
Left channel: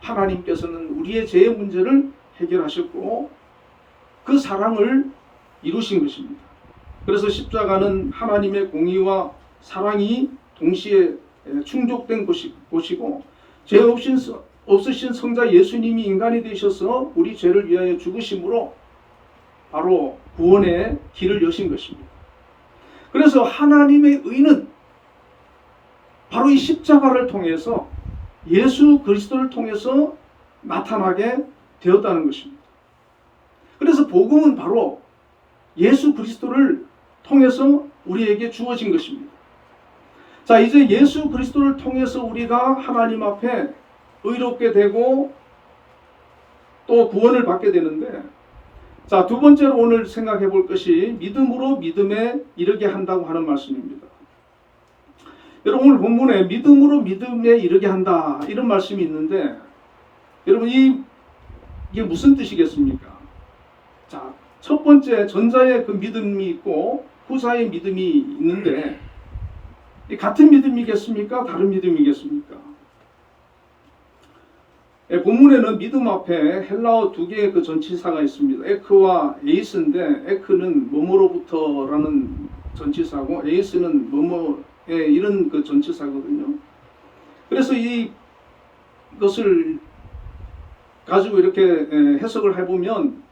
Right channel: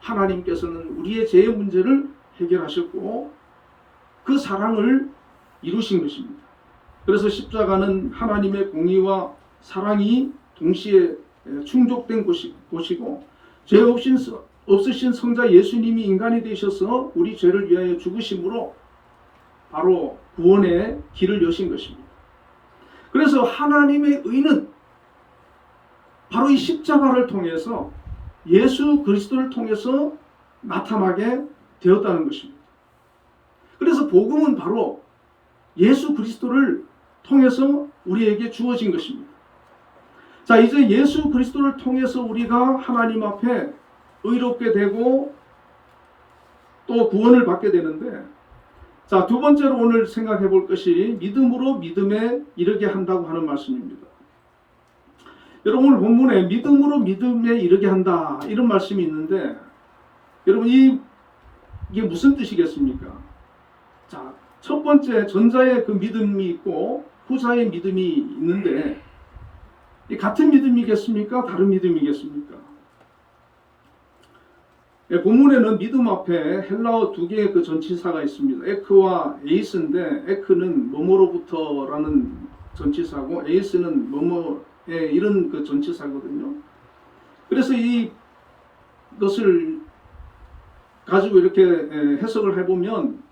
하나님께서는 우리의 죄의 문제를 해결하셨고 그 사랑을 이루신 것입니다. 그래서 십자가는 하나님의 공의와 사랑이 동시에 충족된 곳이고 죄 없으신 성자 예수님이 인간이 되셔서 우리 죄를 위하여 죽으심으로 바로 구원의 길을 여신 것입니다. 그래서 하나님의 의는 바로 이 십자가를 통해서 예수 그리스도를 통해서 나타나게 되었다는 것입니다. 그래서 복음은 바로 예수 그리스도를 통해서 우리에게 주어진 것입니다. 자, 이제 예수 그리스도를 통해서 우리가 하나님 앞에 의롭게 되고 또 구원을 받게 되는데, 자, 두 번째로 오늘 생각해 볼 것이 믿음으로 믿음에 이르게 한다고 하는 말씀입니다. 여러분, 오늘 본문에 믿음으로 믿음에 이르게 한다 이런 말씀이 있는데, 여러분 이게 무슨 뜻이겠습니까? 자, 첫 번째 전자의 그 믿음이 있고 후자의 믿음이 있는데, 같은 믿음이겠습니까? 다른 믿음이겠습니까? 본문에는 믿음 앞에 헬라어 두 개의 그 전치사가 있습니다. 에크와 에이스인데, 에크는 뭐뭐로부터라는 전치사고 에이스는 뭐뭐의 이런 그 전치사거든요. 그래서 이것을 가지고 이렇게 해석을 해보면,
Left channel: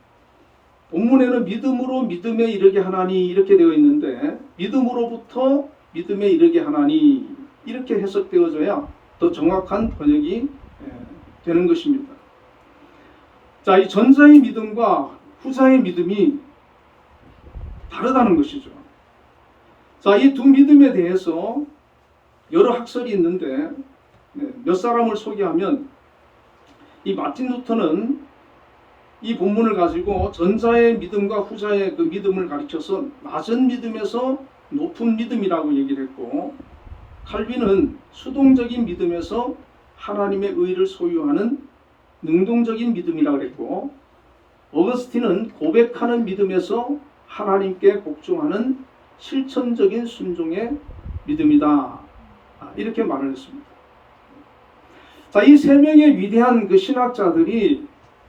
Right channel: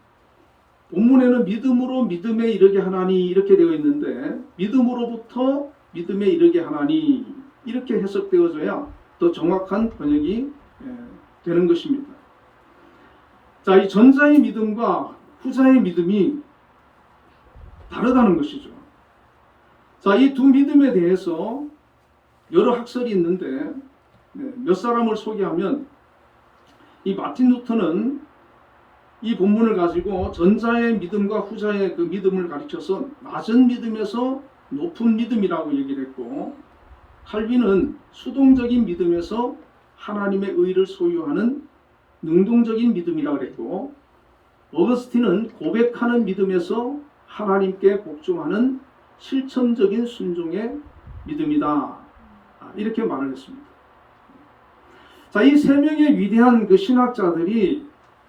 본문에는 믿음으로 믿음에 이르게 하나니 이렇게 되어 있는데, 믿음으로부터 믿음에 이르게 하나니 이렇게 해석되어져야 더 정확한 번역이 되는 것입니다. 자, 이 전자의 믿음과 후자의 믿음이 다르다는 것이죠. 자, 이 두 믿음에 대해서 여러 학설이 있는데, 몇 사람을 소개하면, 이 마틴 루터는 이 본문을 가지고 전자의 믿음과 후자의 그 믿음을 가르쳐서 낮은 믿음에서 높은 믿음이라고 얘기를 했고, 칼빈은 수동적인 믿음에서 하나님의 의를 소유하는 능동적인 믿음이라고 그랬고, 어거스틴은 고백하는 믿음에서 하나님께 복종하는 실천적인 순종의 믿음이다, 이렇게 말을 했습니다. 자, 이 세 명의 위대한 그 신학자들이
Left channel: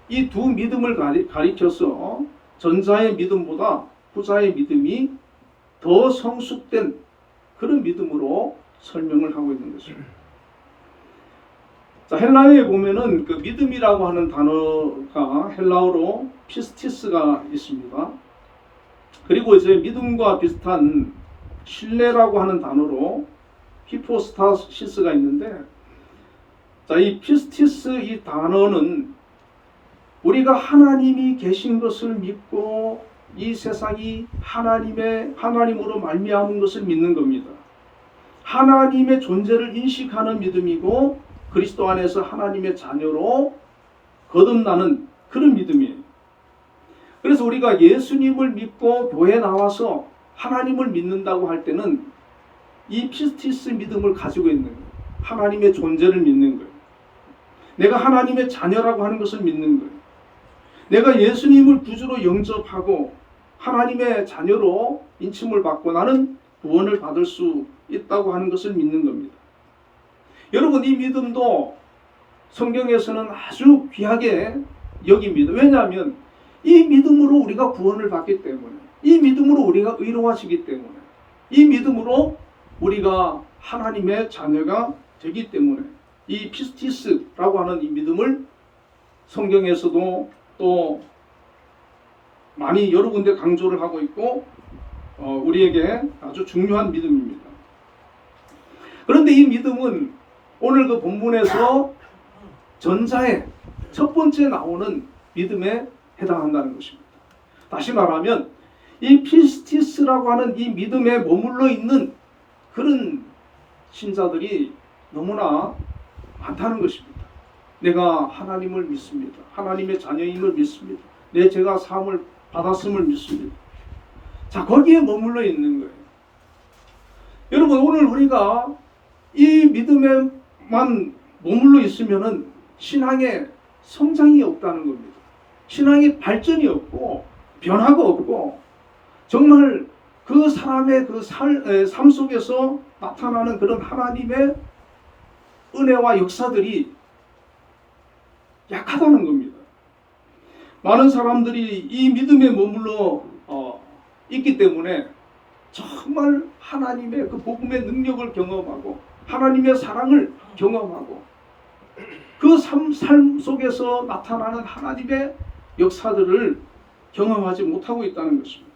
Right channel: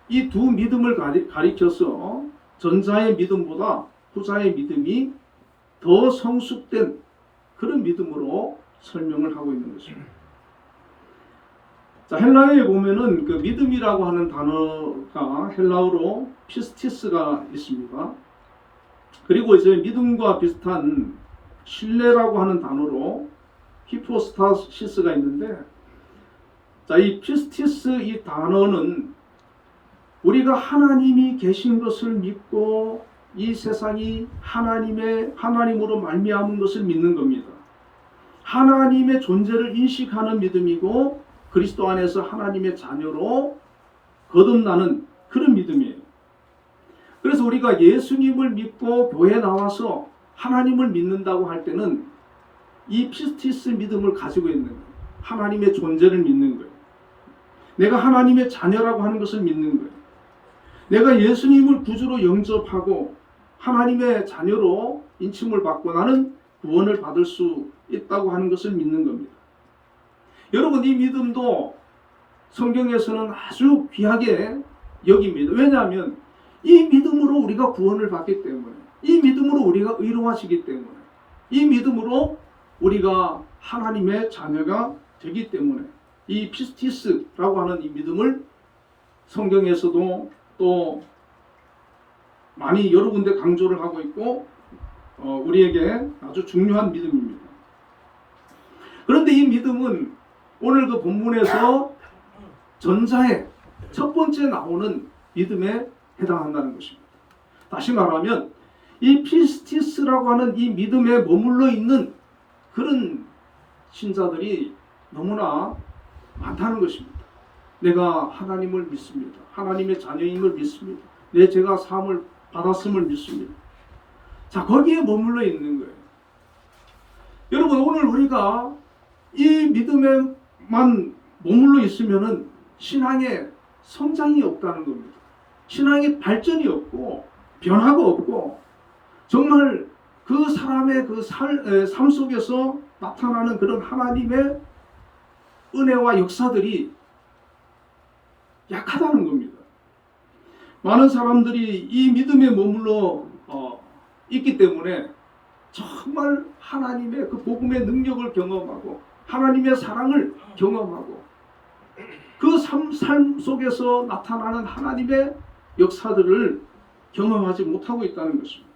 이 두 믿음을 가리켜서 전자의 믿음보다 후자의 믿음이 더 성숙된 그런 믿음으로 설명을 하고 있는 것입니다. 자, 헬라어에 보면은 그 믿음이라고 하는 단어가 헬라어로 피스티스가 있습니다. 그리고 이제 믿음과 비슷한 신뢰라고 하는 단어로 히포스타시스가 있는데, 자, 이 피스티스 이 단어는 우리가 하나님이 계신 것을 믿고 이 세상이 하나님으로 말미암은 것을 믿는 겁니다. 하나님의 존재를 인식하는 믿음이고, 그리스도 안에서 하나님의 자녀로 거듭나는 그런 믿음이에요. 그래서 우리가 예수님을 믿고 교회에 나와서 하나님을 믿는다고 할 때는 이 피스티스 믿음을 가지고 있는 거예요. 하나님의 존재를 믿는 거예요. 내가 하나님의 자녀라고 하는 것을 믿는 거예요. 내가 예수님을 구주로 영접하고 하나님의 자녀로 인침을 받고 나는 구원을 받을 수 있다고 하는 것을 믿는 겁니다. 여러분, 이 믿음도 성경에서는 아주 귀하게 여깁니다. 왜냐하면 이 믿음으로 우리가 구원을 받기 때문에, 이 믿음으로 우리가 의로워지기 때문에, 이 믿음으로 우리가 하나님의 자녀가 되기 때문에 이 피스티스라고 하는 이 믿음을 성경에서도 또 많이 여러 군데 강조를 하고 있고, 우리에게 아주 중요한 믿음입니다. 그런데 이 믿음은 오늘 그 본문에서 전자의 첫 번째 나오는 믿음에 해당한다는 것입니다. 다시 말하면 이 피스티스라고 하는 이 믿음에 머물러 있는 그런 신자들이 너무나 많다는 것입니다. 내가 하나님을 믿습니다. 하나님의 자녀임을 믿습니다. 내 죄가 사함을 받았음을 믿습니다. 자, 거기에 머물러 있는 거예요. 여러분, 오늘 우리가 이 믿음에만 머물러 있으면은 신앙의 성장이 없다는 겁니다. 신앙의 발전이 없고 변화가 없고, 정말 그 사람의 그 삶 속에서 나타나는 그런 하나님의 은혜와 역사들이 약하다는 겁니다. 많은 사람들이 이 믿음에 머물러 있기 때문에 정말 하나님의 그 복음의 능력을 경험하고 하나님의 사랑을 경험하고 그 삶 속에서 나타나는 하나님의 역사들을 경험하지 못하고 있다는 것입니다.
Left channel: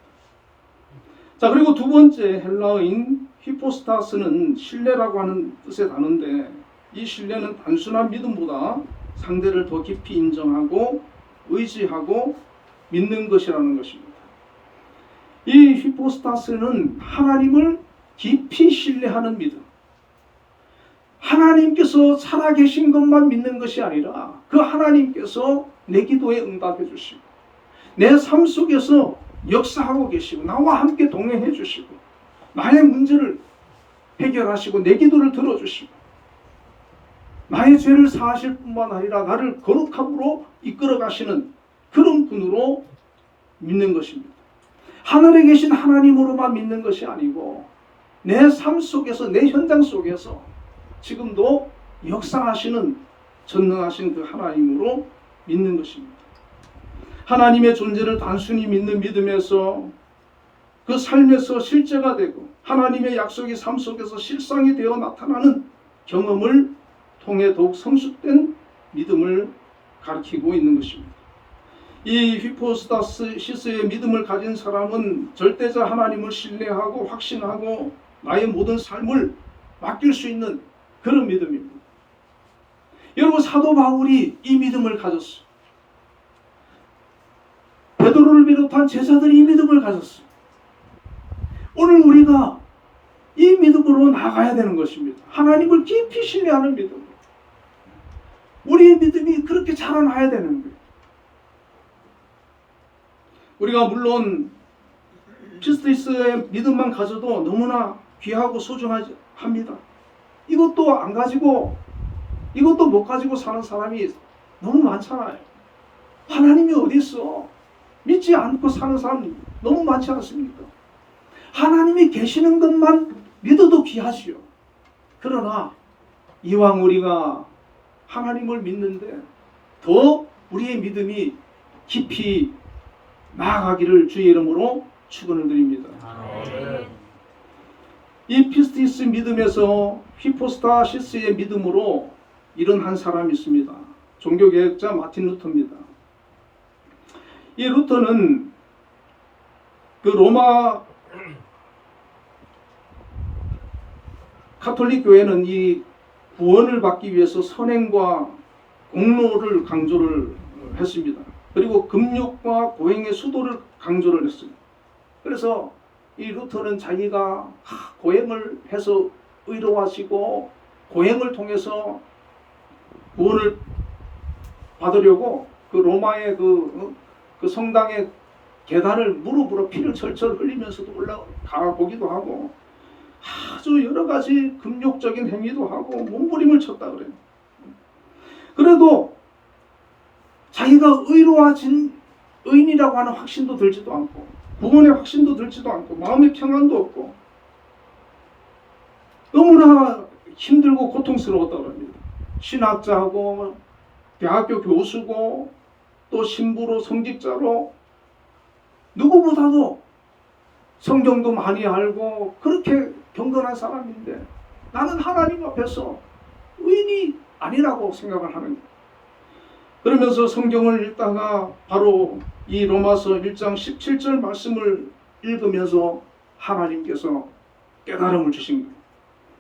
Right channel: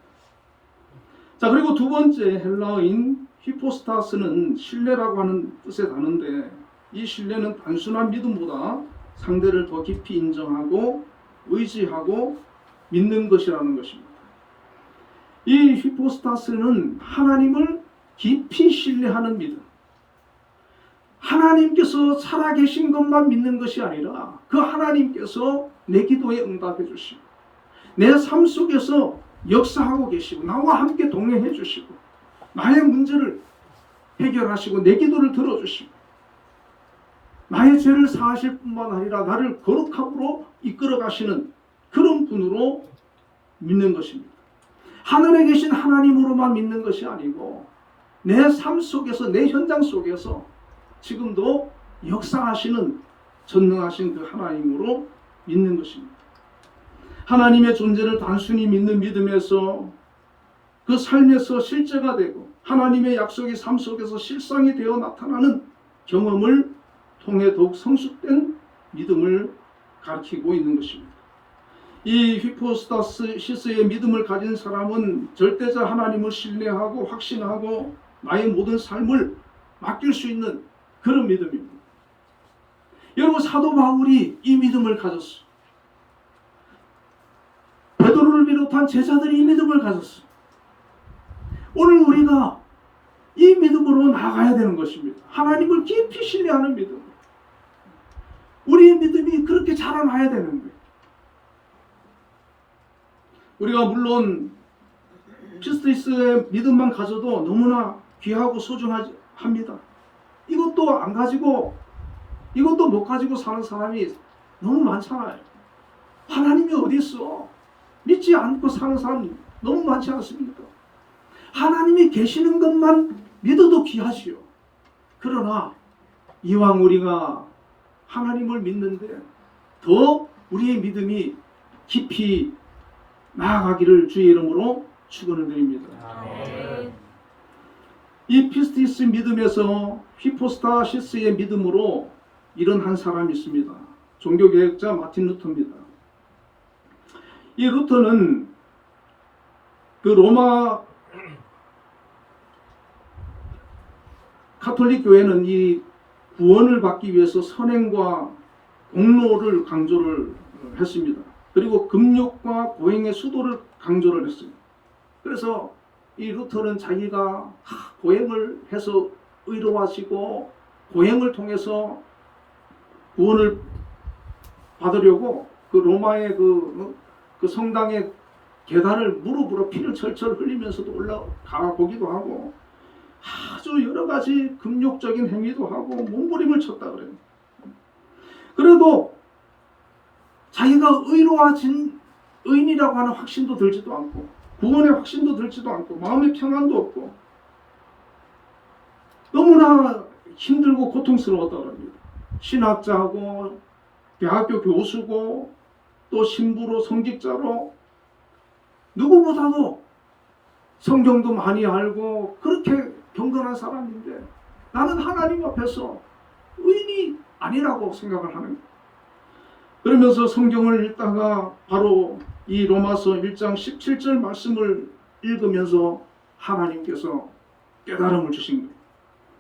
자, 그리고 두 번째 헬라어인 히포스타스는 신뢰라고 하는 뜻의 단어인데 이 신뢰는 단순한 믿음보다 상대를 더 깊이 인정하고 의지하고 믿는 것이라는 것입니다. 이 히포스타스는 하나님을 깊이 신뢰하는 믿음. 하나님께서 살아계신 것만 믿는 것이 아니라 그 하나님께서 내 기도에 응답해 주시고 내 삶 속에서 역사하고 계시고 나와 함께 동행해 주시고 나의 문제를 해결하시고 내 기도를 들어주시고 나의 죄를 사하실 뿐만 아니라 나를 거룩함으로 이끌어 가시는 그런 분으로 믿는 것입니다. 하늘에 계신 하나님으로만 믿는 것이 아니고 내 삶 속에서 내 현장 속에서 지금도 역사하시는 전능하신 그 하나님으로 믿는 것입니다. 하나님의 존재를 단순히 믿는 믿음에서 그 삶에서 실제가 되고 하나님의 약속이 삶 속에서 실상이 되어 나타나는 경험을 통해 더욱 성숙된 믿음을 가리키고 있는 것입니다. 이 히포스타시스의 믿음을 가진 사람은 절대자 하나님을 신뢰하고 확신하고 나의 모든 삶을 맡길 수 있는 그런 믿음입니다. 여러분, 사도 바울이 이 믿음을 가졌어요. 베드로를 비롯한 제자들이 이 믿음을 가졌어요. 오늘 우리가 이 믿음으로 나아가야 되는 것입니다. 하나님을 깊이 신뢰하는 믿음. 우리의 믿음이 그렇게 자라나야 되는 거예요. 우리가 물론 피스티스의 믿음만 가져도 너무나 귀하고 소중합니다. 이것도 안 가지고 이것도 못 가지고 사는 사람이 너무 많잖아요. 하나님이 어디 있어? 믿지 않고 사는 사람 너무 많지 않습니까? 하나님이 계시는 것만 믿어도 귀하지요. 그러나 이왕 우리가 하나님을 믿는데 더 우리의 믿음이 깊이 나아가기를 주의 이름으로 축원을 드립니다. 이 피스티스 믿음에서 히포스타시스의 믿음으로 이런 한 사람이 있습니다. 종교개혁자 마틴 루터입니다. 이 루터는 그 로마 가톨릭 교회는 이 구원을 받기 위해서 선행과 공로를 강조를 했습니다. 그리고 금욕과 고행의 수도를 강조를 했어요. 그래서 이 루터는 자기가 고행을 해서 의로하시고 고행을 통해서 구원을 받으려고 그 로마의 그 성당의 계단을 무릎으로 피를 철철 흘리면서도 올라가 보기도 하고 아주 여러 가지 금욕적인 행위도 하고 몸부림을 쳤다 그래요. 그래도 자기가 의로워진 의인이라고 하는 확신도 들지도 않고 구원의 확신도 들지도 않고 마음의 평안도 없고 너무나 힘들고 고통스러웠다고 합니다. 신학자고 대학교 교수고 또 신부로 성직자로 누구보다도 성경도 많이 알고 그렇게 경건한 사람인데 나는 하나님 앞에서 의인이 아니라고 생각을 하는 거예요. 그러면서 성경을 읽다가 바로 이 로마서 1장 17절 말씀을 읽으면서 하나님께서 깨달음을 주신 거예요.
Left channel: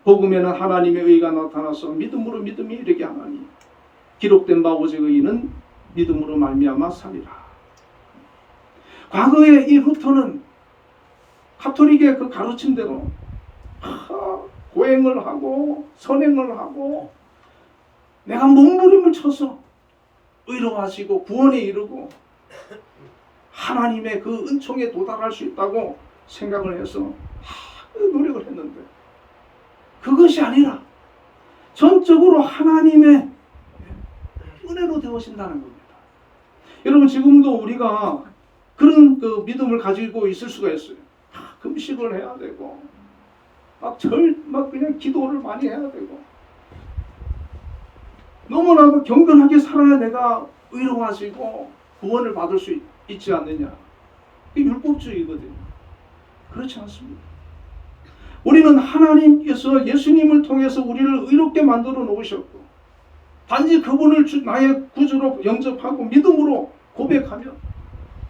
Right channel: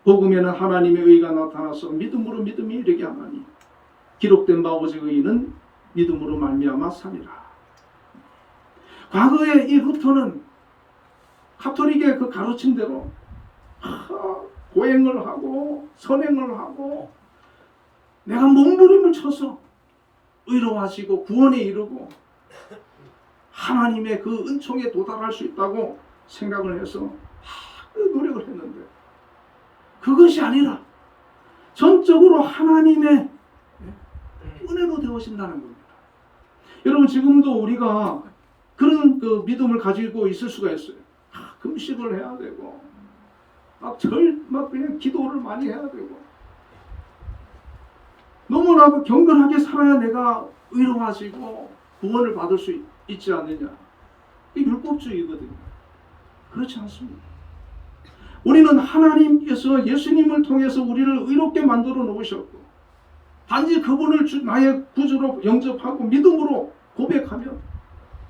복음에는 하나님의 의가 나타나서 믿음으로 믿음이 이르게 하나니 기록된 바 오직 의인은 믿음으로 말미암아 살리라. 과거에 이 루터는 가톨릭의 그 가르침대로 고행을 하고 선행을 하고 내가 몸부림을 쳐서 의로워지고 구원에 이르고 하나님의 그 은총에 도달할 수 있다고 생각을 해서 노력을 했는데 그것이 아니라 전적으로 하나님의 은혜로 되어진다는 겁니다. 여러분, 지금도 우리가 그런 그 믿음을 가지고 있을 수가 있어요. 금식을 해야 되고 막 그냥 기도를 많이 해야 되고 너무나도 경건하게 살아야 내가 의로워지고 구원을 받을 수 있지 않느냐. 이게 율법주의거든요. 그렇지 않습니다. 우리는 하나님께서 예수님을 통해서 우리를 의롭게 만들어 놓으셨고 단지 그분을 나의 구주로 영접하고 믿음으로 고백하면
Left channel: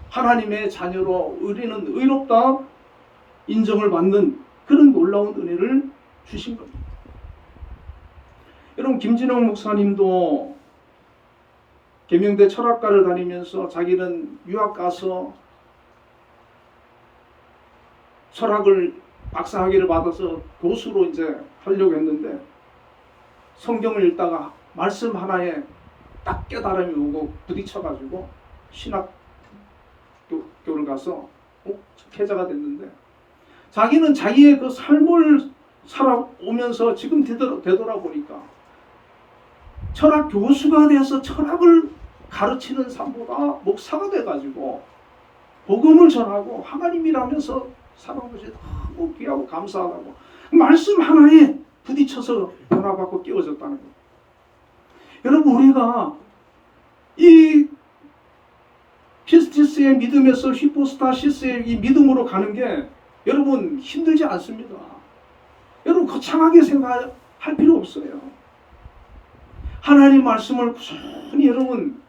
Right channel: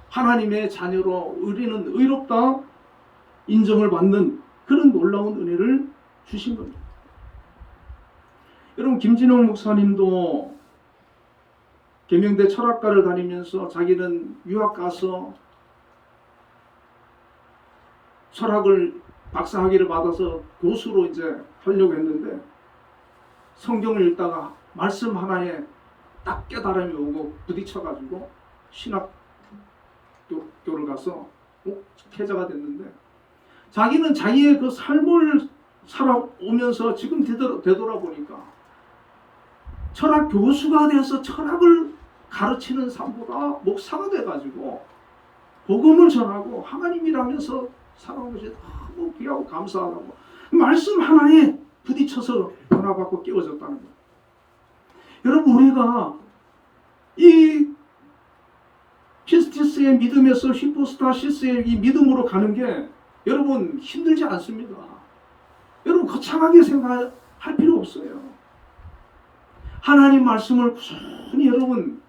하나님의 자녀로 우리는 의롭다 인정을 받는 그런 놀라운 은혜를 주신 겁니다. 여러분, 김진영 목사님도 계명대 철학과를 다니면서 자기는 유학 가서 철학을 박사학위를 받아서 교수로 이제 하려고 했는데 성경을 읽다가 말씀 하나에 딱 깨달음이 오고 부딪혀가지고 신학교를 가서 목회자가 됐는데 자기는 자기의 그 삶을 살아오면서 지금 되돌아보니까 철학 교수가 돼서 철학을 가르치는 삶보다 목사가 돼가지고 복음을 전하고 하나님이라면서 살아온 것이 너무 귀하고 감사하다고 말씀 하나에 부딪혀서 변화받고 깨워졌다는 거예요. 여러분, 우리가 이 피스티스의 믿음에서 히포스타시스의 이 믿음으로 가는 게 여러분 힘들지 않습니다. 여러분 거창하게 생각할 필요 없어요. 하나님 말씀을 꾸준히 여러분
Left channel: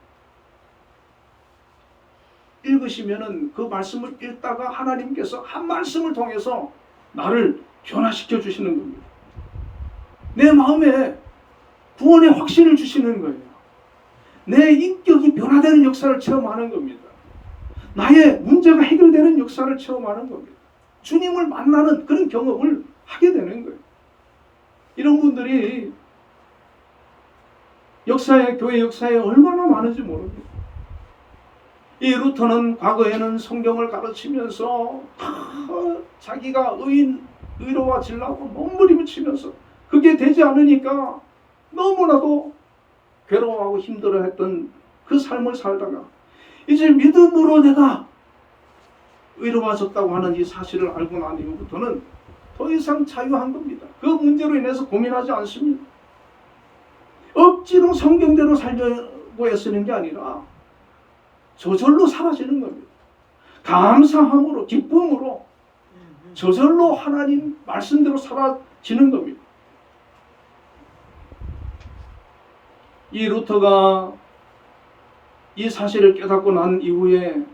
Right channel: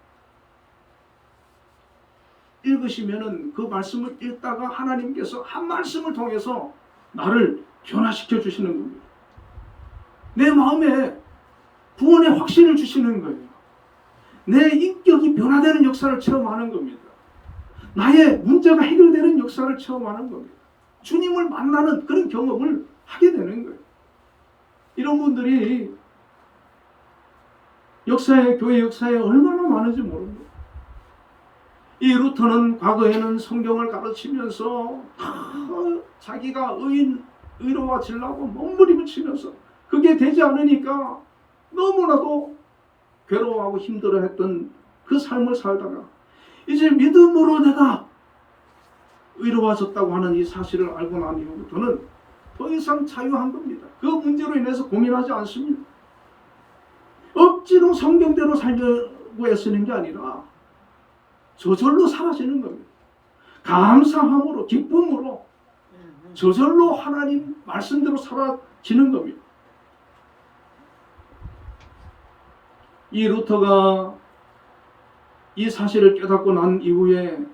읽으시면은 그 말씀을 읽다가 하나님께서 한 말씀을 통해서 나를 변화시켜 주시는 겁니다. 내 마음에 구원의 확신을 주시는 거예요. 내 인격이 변화되는 역사를 체험하는 겁니다. 나의 문제가 해결되는 역사를 체험하는 겁니다. 주님을 만나는 그런 경험을 하게 되는 거예요. 이런 분들이 교회 역사에 얼마나 많은지 모릅니다. 이 루터는 과거에는 성경을 가르치면서 자기가 의로워지려고 몸부림을 치면서 그게 되지 않으니까 너무나도 괴로워하고 힘들어했던 그 삶을 살다가 이제 믿음으로 내가 의로워졌다고 하는 이 사실을 알고 난 이후부터는 더 이상 자유한 겁니다. 그 문제로 인해서 고민하지 않습니다. 억지로 성경대로 살려고 애쓰는 게 아니라 저절로 사라지는 겁니다. 감사함으로 기쁨으로 저절로 하나님 말씀대로 사라지는 겁니다. 이 루터가 이 사실을 깨닫고 난 이후에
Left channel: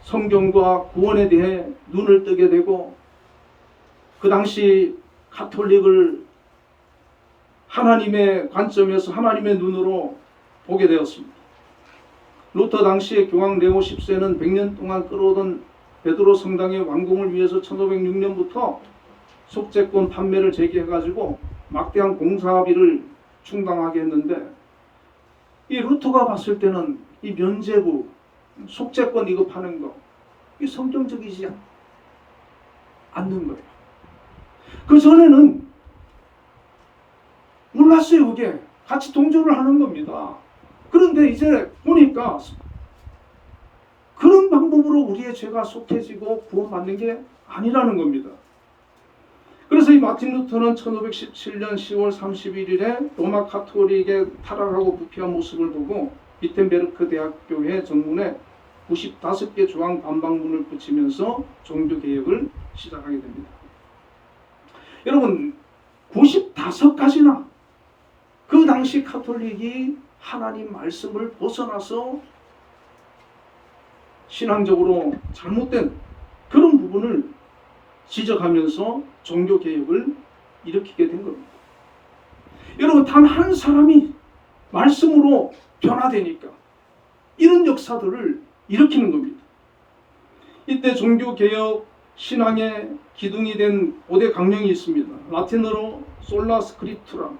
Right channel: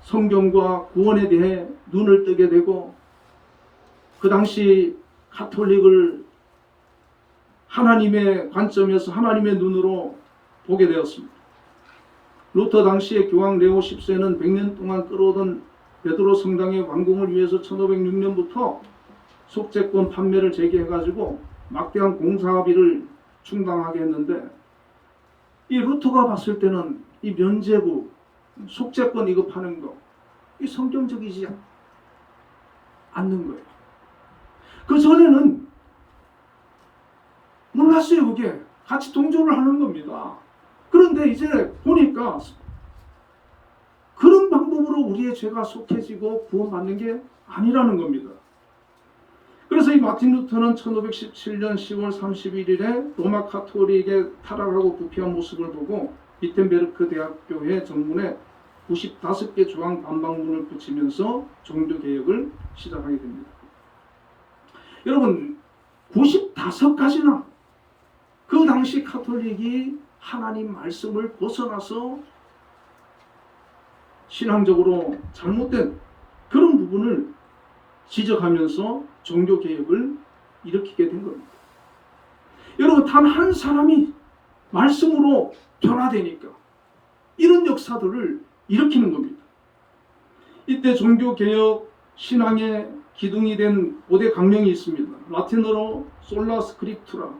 성경과 구원에 대해 눈을 뜨게 되고 그 당시 가톨릭을 하나님의 관점에서 하나님의 눈으로 보게 되었습니다. 루터 당시에 교황 레오 10세는 100년 동안 끌어오던 베드로 성당의 완공을 위해서 1506년부터 속재권 판매를 제기해가지고 막대한 공사비를 충당하게 했는데 이 루터가 봤을 때는 이 면죄부, 속재권 이거 파는 거 이 성경적이지 않는 거예요. 그 전에는 몰랐어요. 그게 같이 동조를 하는 겁니다. 그런데 이제 보니까 그런 방법으로 우리의 죄가 속해지고 구원받는 게 아니라는 겁니다. 그래서 이 마틴 루터는 1517년 10월 31일에 로마 카톨릭의 타락하고 부패한 모습을 보고 비텐베르크 대학교의 정문에 95개 조항 반박문을 붙이면서 종교개혁을 시작하게 됩니다. 여러분 95가지나 그 당시 카톨릭이 하나님 말씀을 벗어나서 신앙적으로 잘못된 그런 부분을 지적하면서 종교개혁을 일으키게 된 겁니다. 여러분 단 한 사람이 말씀으로 변화되니까 이런 역사들을 일으키는 겁니다. 이때 종교개혁 신앙의 기둥이 된 5대 강령이 있습니다. 라틴어로 솔라 스크립투라,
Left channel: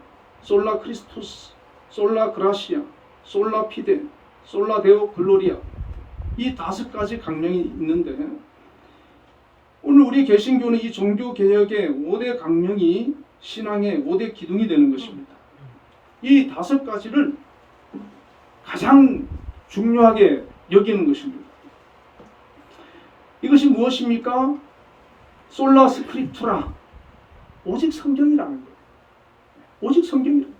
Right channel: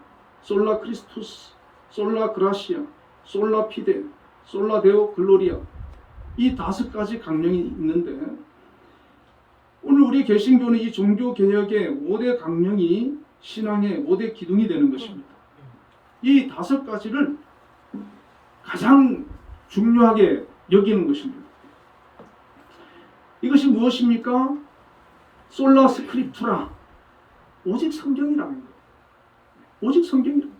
솔라 크리스투스, 솔라 그라시아, 솔라 피데, 솔라 데오 글로리아 이 5가지 강령이 있는데 오늘 우리 개신교는 이 종교개혁의 5대 강령이 신앙의 5대 기둥이 되는 것입니다. 이 5가지를 가장 중요하게 여기는 것입니다. 이것이 무엇입니까? 솔라 스크립투라, 오직 성경이라는 거예요. 오직 성경이라는 거예요.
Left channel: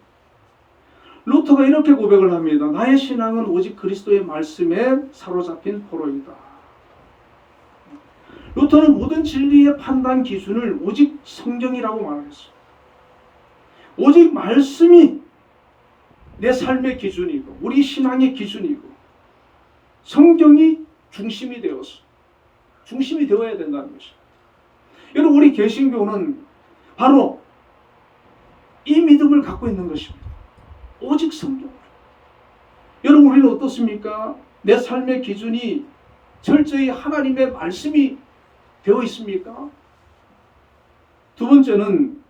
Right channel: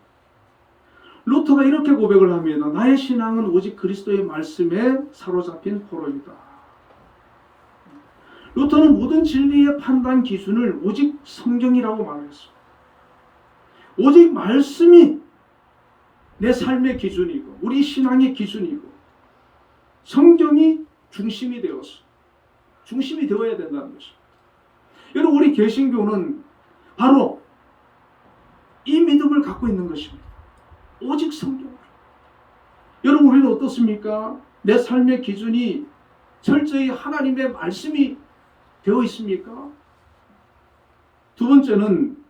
루터가 이렇게 고백을 합니다. 나의 신앙은 오직 그리스도의 말씀에 사로잡힌 포로이다. 루터는 모든 진리의 판단 기준을 오직 성경이라고 말했어요. 오직 말씀이 내 삶의 기준이고 우리 신앙의 기준이고 성경이 중심이 되어야 된다는 것이죠. 여러분, 우리 개신교는 바로 이 믿음을 갖고 있는 것입니다. 오직 성경. 여러분, 우리는 어떻습니까? 내 삶의 기준이 철저히 하나님의 말씀이 되어 있습니까? 두 번째는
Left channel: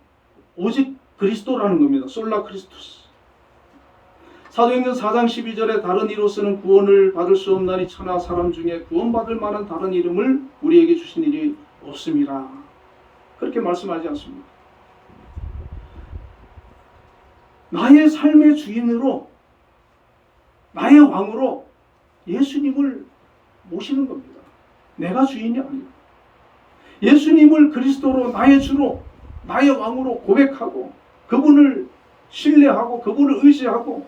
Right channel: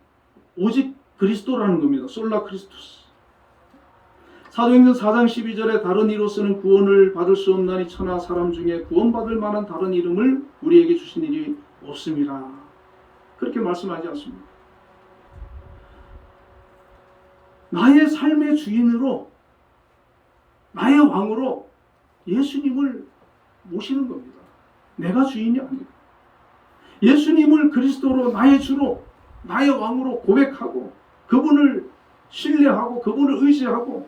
오직 그리스도라는 겁니다. 솔라 크리스토스. 사도행전 4장 12절에 다른 이로서는 구원을 받을 수 없나니 천하 사람 중에 구원받을 만한 다른 이름을 우리에게 주신 일이 없습니다. 그렇게 말씀하지 않습니까? 나의 삶의 주인으로, 나의 왕으로 예수님을 모시는 겁니다. 내가 주인이 아니고 예수님을 그리스도로 나의 주로, 나의 왕으로 고백하고 그분을 신뢰하고 그분을 의지하고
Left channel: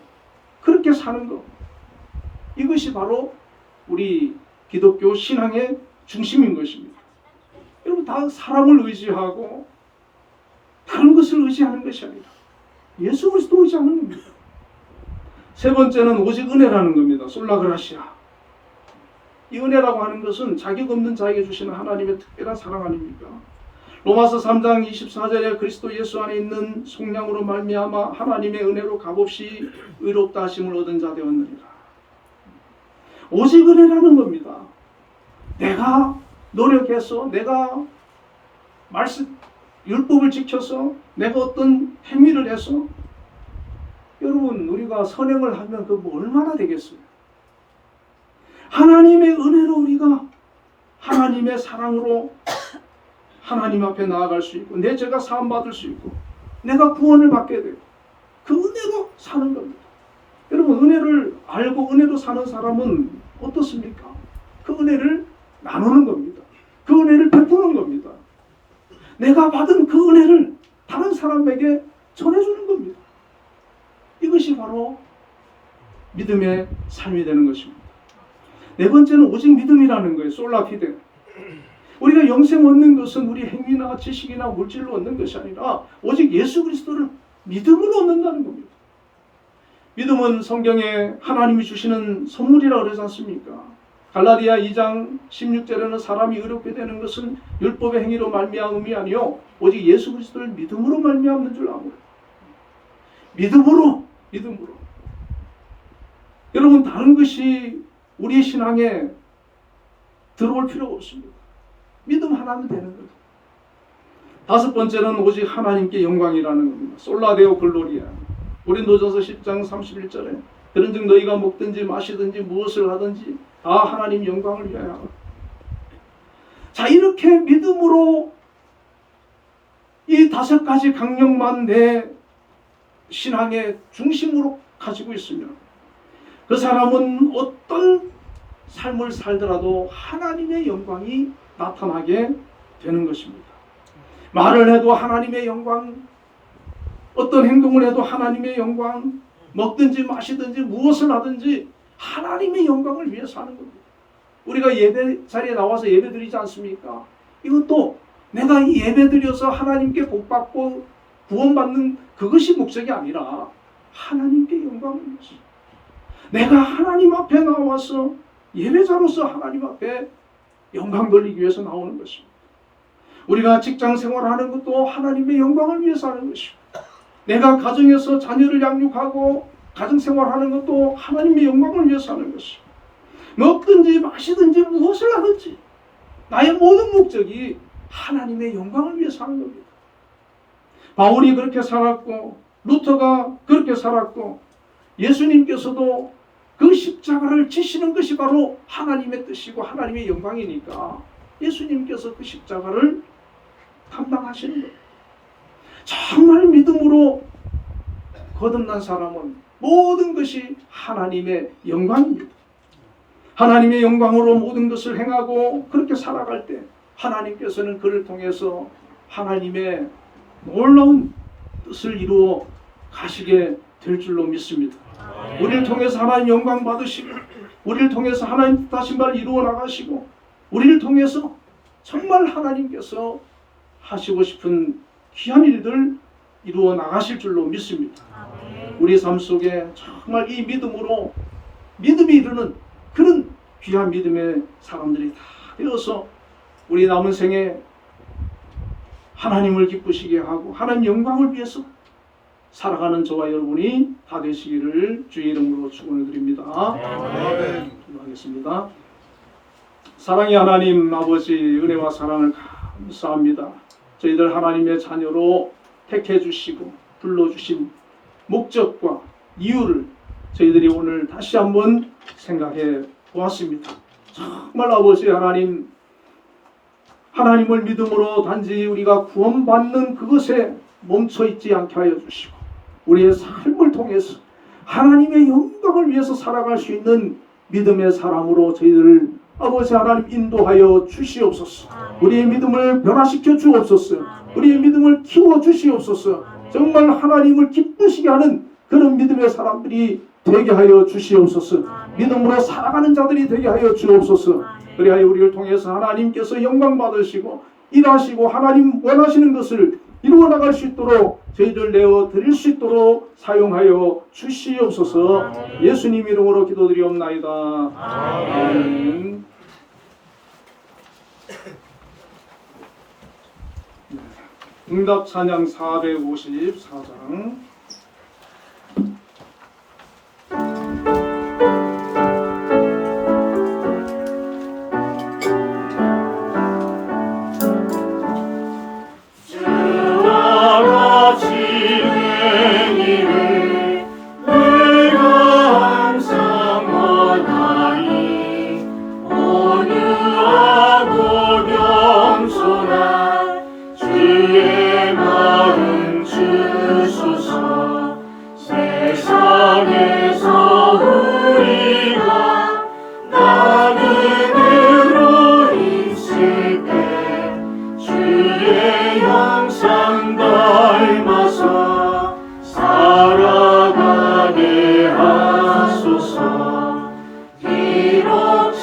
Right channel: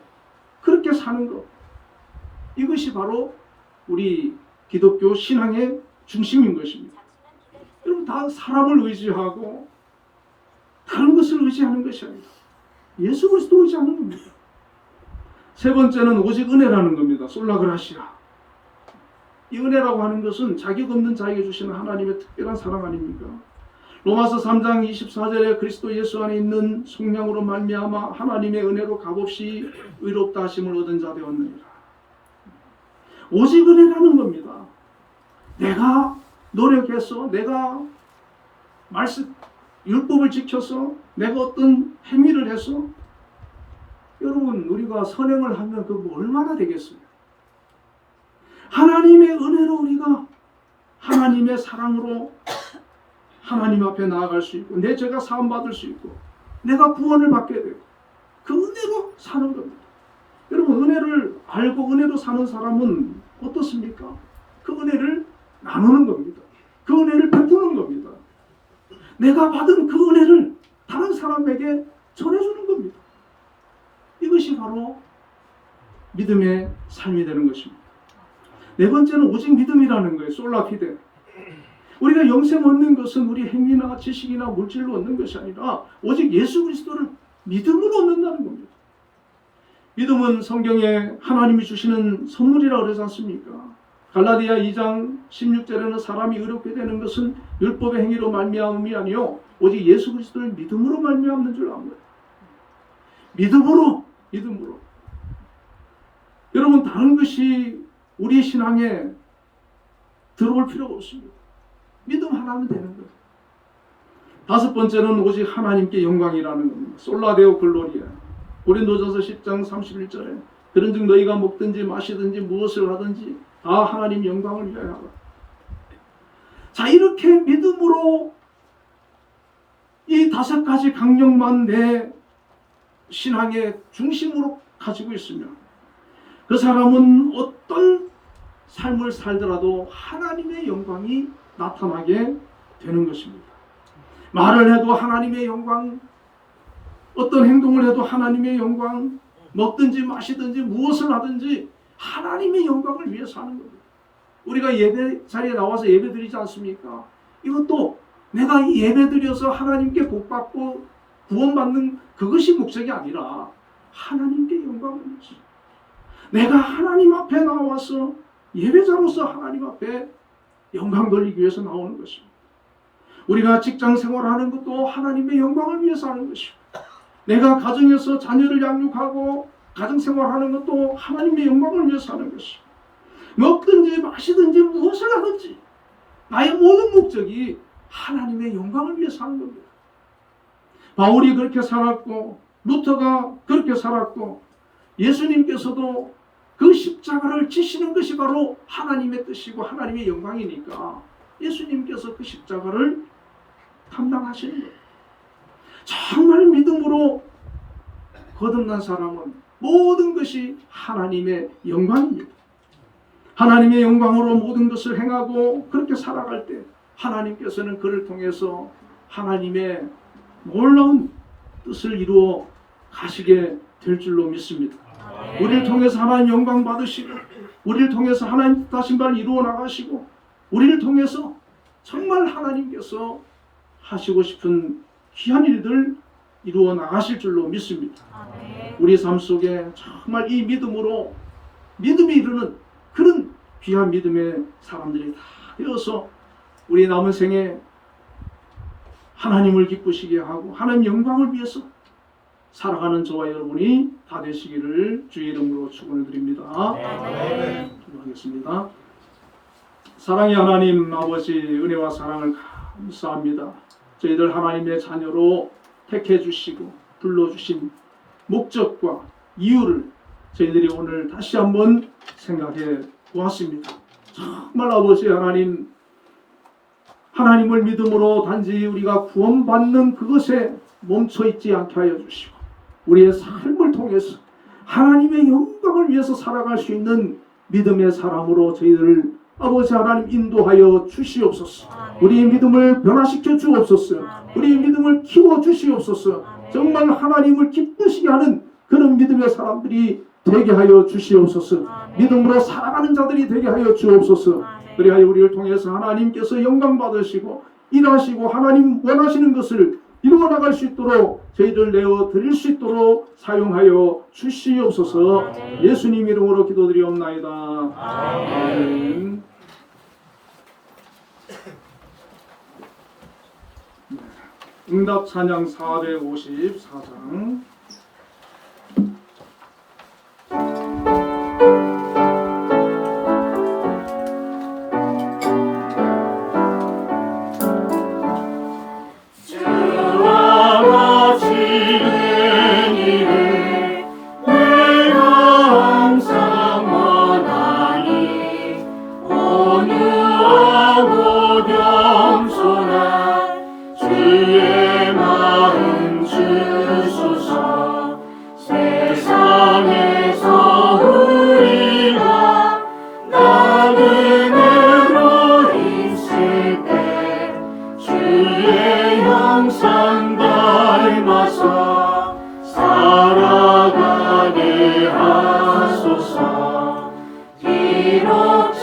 그렇게 사는 것. 이것이 바로 우리 기독교 신앙의 중심인 것입니다. 여러분, 다 사람을 의지하고 다른 것을 의지하는 것이 아니라 예수 그리스도 의지하는 겁니다. 세 번째는 오직 은혜라는 겁니다. 솔라그라시아. 이 은혜라고 하는 것은 자격 없는 자에게 주시는 하나님의 특별한 사랑 아닙니까? 로마서 3장 24절에 그리스도 예수 안에 있는 속량으로 말미암아 하나님의 은혜로 값없이 의롭다 하심을 얻은 자 되었느니라. 오직 은혜라는 겁니다. 내가 노력해서, 내가 말씀 율법을 지켜서, 내가 어떤 행위를 해서, 여러분, 우리가 선행을 하면 그거 얼마나 되겠어요? 하나님의 은혜로 우리가 하나님의 사랑으로 하나님 앞에 나아갈 수 있고 내 죄가 사함받을 수 있고 내가 구원을 받게 되고 그 은혜로 사는 겁니다. 여러분, 은혜를 알고 은혜로 사는 사람은 어떻습니까? 그 은혜를 나누는 겁니다. 그 은혜를 베푸는 겁니다. 내가 받은 그 은혜를 다른 사람에게 전해주는 겁니다. 이것이 바로 믿음의 삶이 되는 것입니다. 네 번째는 오직 믿음이라는 거예요. 솔라피데. 우리가 영생 얻는 것은 우리 행위나 지식이나 물질로 얻는 것이 아니라 오직 예수 그리스도를 믿음으로 얻는다는 겁니다. 믿음은 성경에 하나님이 주시는 선물이라고 그러지 않습니까? 갈라디아 2장 16절에는 사람이 의롭게 되는 것은 율법의 행위로 말미암음이 아니요 오직 예수 그리스도를 믿음으로 말미암는 줄 아고. 믿음으로. 여러분, 다른 것이 우리 신앙에 들어올 필요가 없습니다. 믿음 하나면 되는 거죠. 다섯 번째는 오직 하나님께 영광이라는 겁니다. 솔라데오 글로리아. 고린도전서 10장 31절에 그런즉 너희가 먹든지 마시든지 무엇을 하든지 다 하나님 영광을 위하여 하라. 자, 이렇게 믿음으로 이 다섯 가지 강령만 내 신앙의 중심으로 가지고 있으면 그 사람은 어떤 삶을 살더라도 하나님의 영광이 나타나게 되는 것입니다. 말을 해도 하나님의 영광, 어떤 행동을 해도 하나님의 영광, 먹든지 마시든지 무엇을 하든지 하나님의 영광을 위해서 하는 겁니다. 우리가 예배 자리에 나와서 예배 드리지 않습니까? 이것도 내가 예배 드려서 하나님께 복받고 구원받는 그것이 목적이 아니라 하나님께 영광을 위해서, 내가 하나님 앞에 나와서 예배자로서 하나님 앞에 영광 돌리기 위해서 나오는 것입니다. 우리가 직장 생활하는 것도 하나님의 영광을 위해서 하는 것입니다. 내가 가정에서 자녀를 양육하고 가정 생활하는 것도 하나님의 영광을 위해서 하는 것입니다. 먹든지 마시든지 무엇을 하든지 나의 모든 목적이 하나님의 영광을 위해서 하는 겁니다. 바울이 그렇게 살았고 루터가 그렇게 살았고 예수님께서도 그 십자가를 지시는 것이 바로 하나님의 뜻이고 하나님의 영광이니까 예수님께서 그 십자가를 감당하시는 거예요. 정말 믿음으로 거듭난 사람은 모든 것이 하나님의 영광입니다. 하나님의 영광으로 모든 것을 행하고 그렇게 살아갈 때 하나님께서는 그를 통해서 하나님의 놀라운 뜻을 이루어 가시게 될 줄로 믿습니다. 우리를 통해서 하나님 영광 받으시고, 우리를 통해서 하나님 뜻하신 바를 이루어 나가시고, 우리를 통해서 정말 하나님께서 하시고 싶은 귀한 일들 이루어 나가실 줄로 믿습니다. 우리 삶 속에 정말 이 믿음으로 믿음이 이루는 그런 귀한 믿음의 사람들이 다 되어서 우리 남은 생에 하나님을 기쁘시게 하고 하나님 영광을 위해서 살아가는 저와 여러분이 다 되시기를 주의 이름으로 축원을 드립니다. 기도하겠습니다. 사랑의 하나님 아버지, 은혜와 사랑을 감사합니다. 저희들 하나님의 자녀로 택해 주시고 불러주신 목적과 이유를 저희들이 오늘 다시 한번 생각해 보았습니다. 정말 아버지 하나님, 하나님을 믿음으로 단지 우리가 구원받는 그것에 멈춰 있지 않게 하여 주시고, 우리의 삶을 통해서 하나님의 영광을 위해서 살아갈 수 있는 믿음의 사람으로 저희들을 아버지 하나님 인도하여 주시옵소서. 우리의 믿음을 변화시켜 주옵소서. 우리의 믿음을 키워 주시옵소서. 정말 하나님을 기쁘시게 하는 그런 믿음의 사람들이 되게 하여 주시옵소서. 믿음으로 살아가는 자들이 되게 하여 주옵소서. 그리하여 우리를 통해서 하나님께서 영광 받으시고 일하시고 하나님 원하시는 것을 이루어 나갈 수 있도록 저희들 내어 드릴 수 있도록 사용하여 주시옵소서. 예수님 이름으로 기도드리옵나이다. 아멘. 응답 찬양 454장.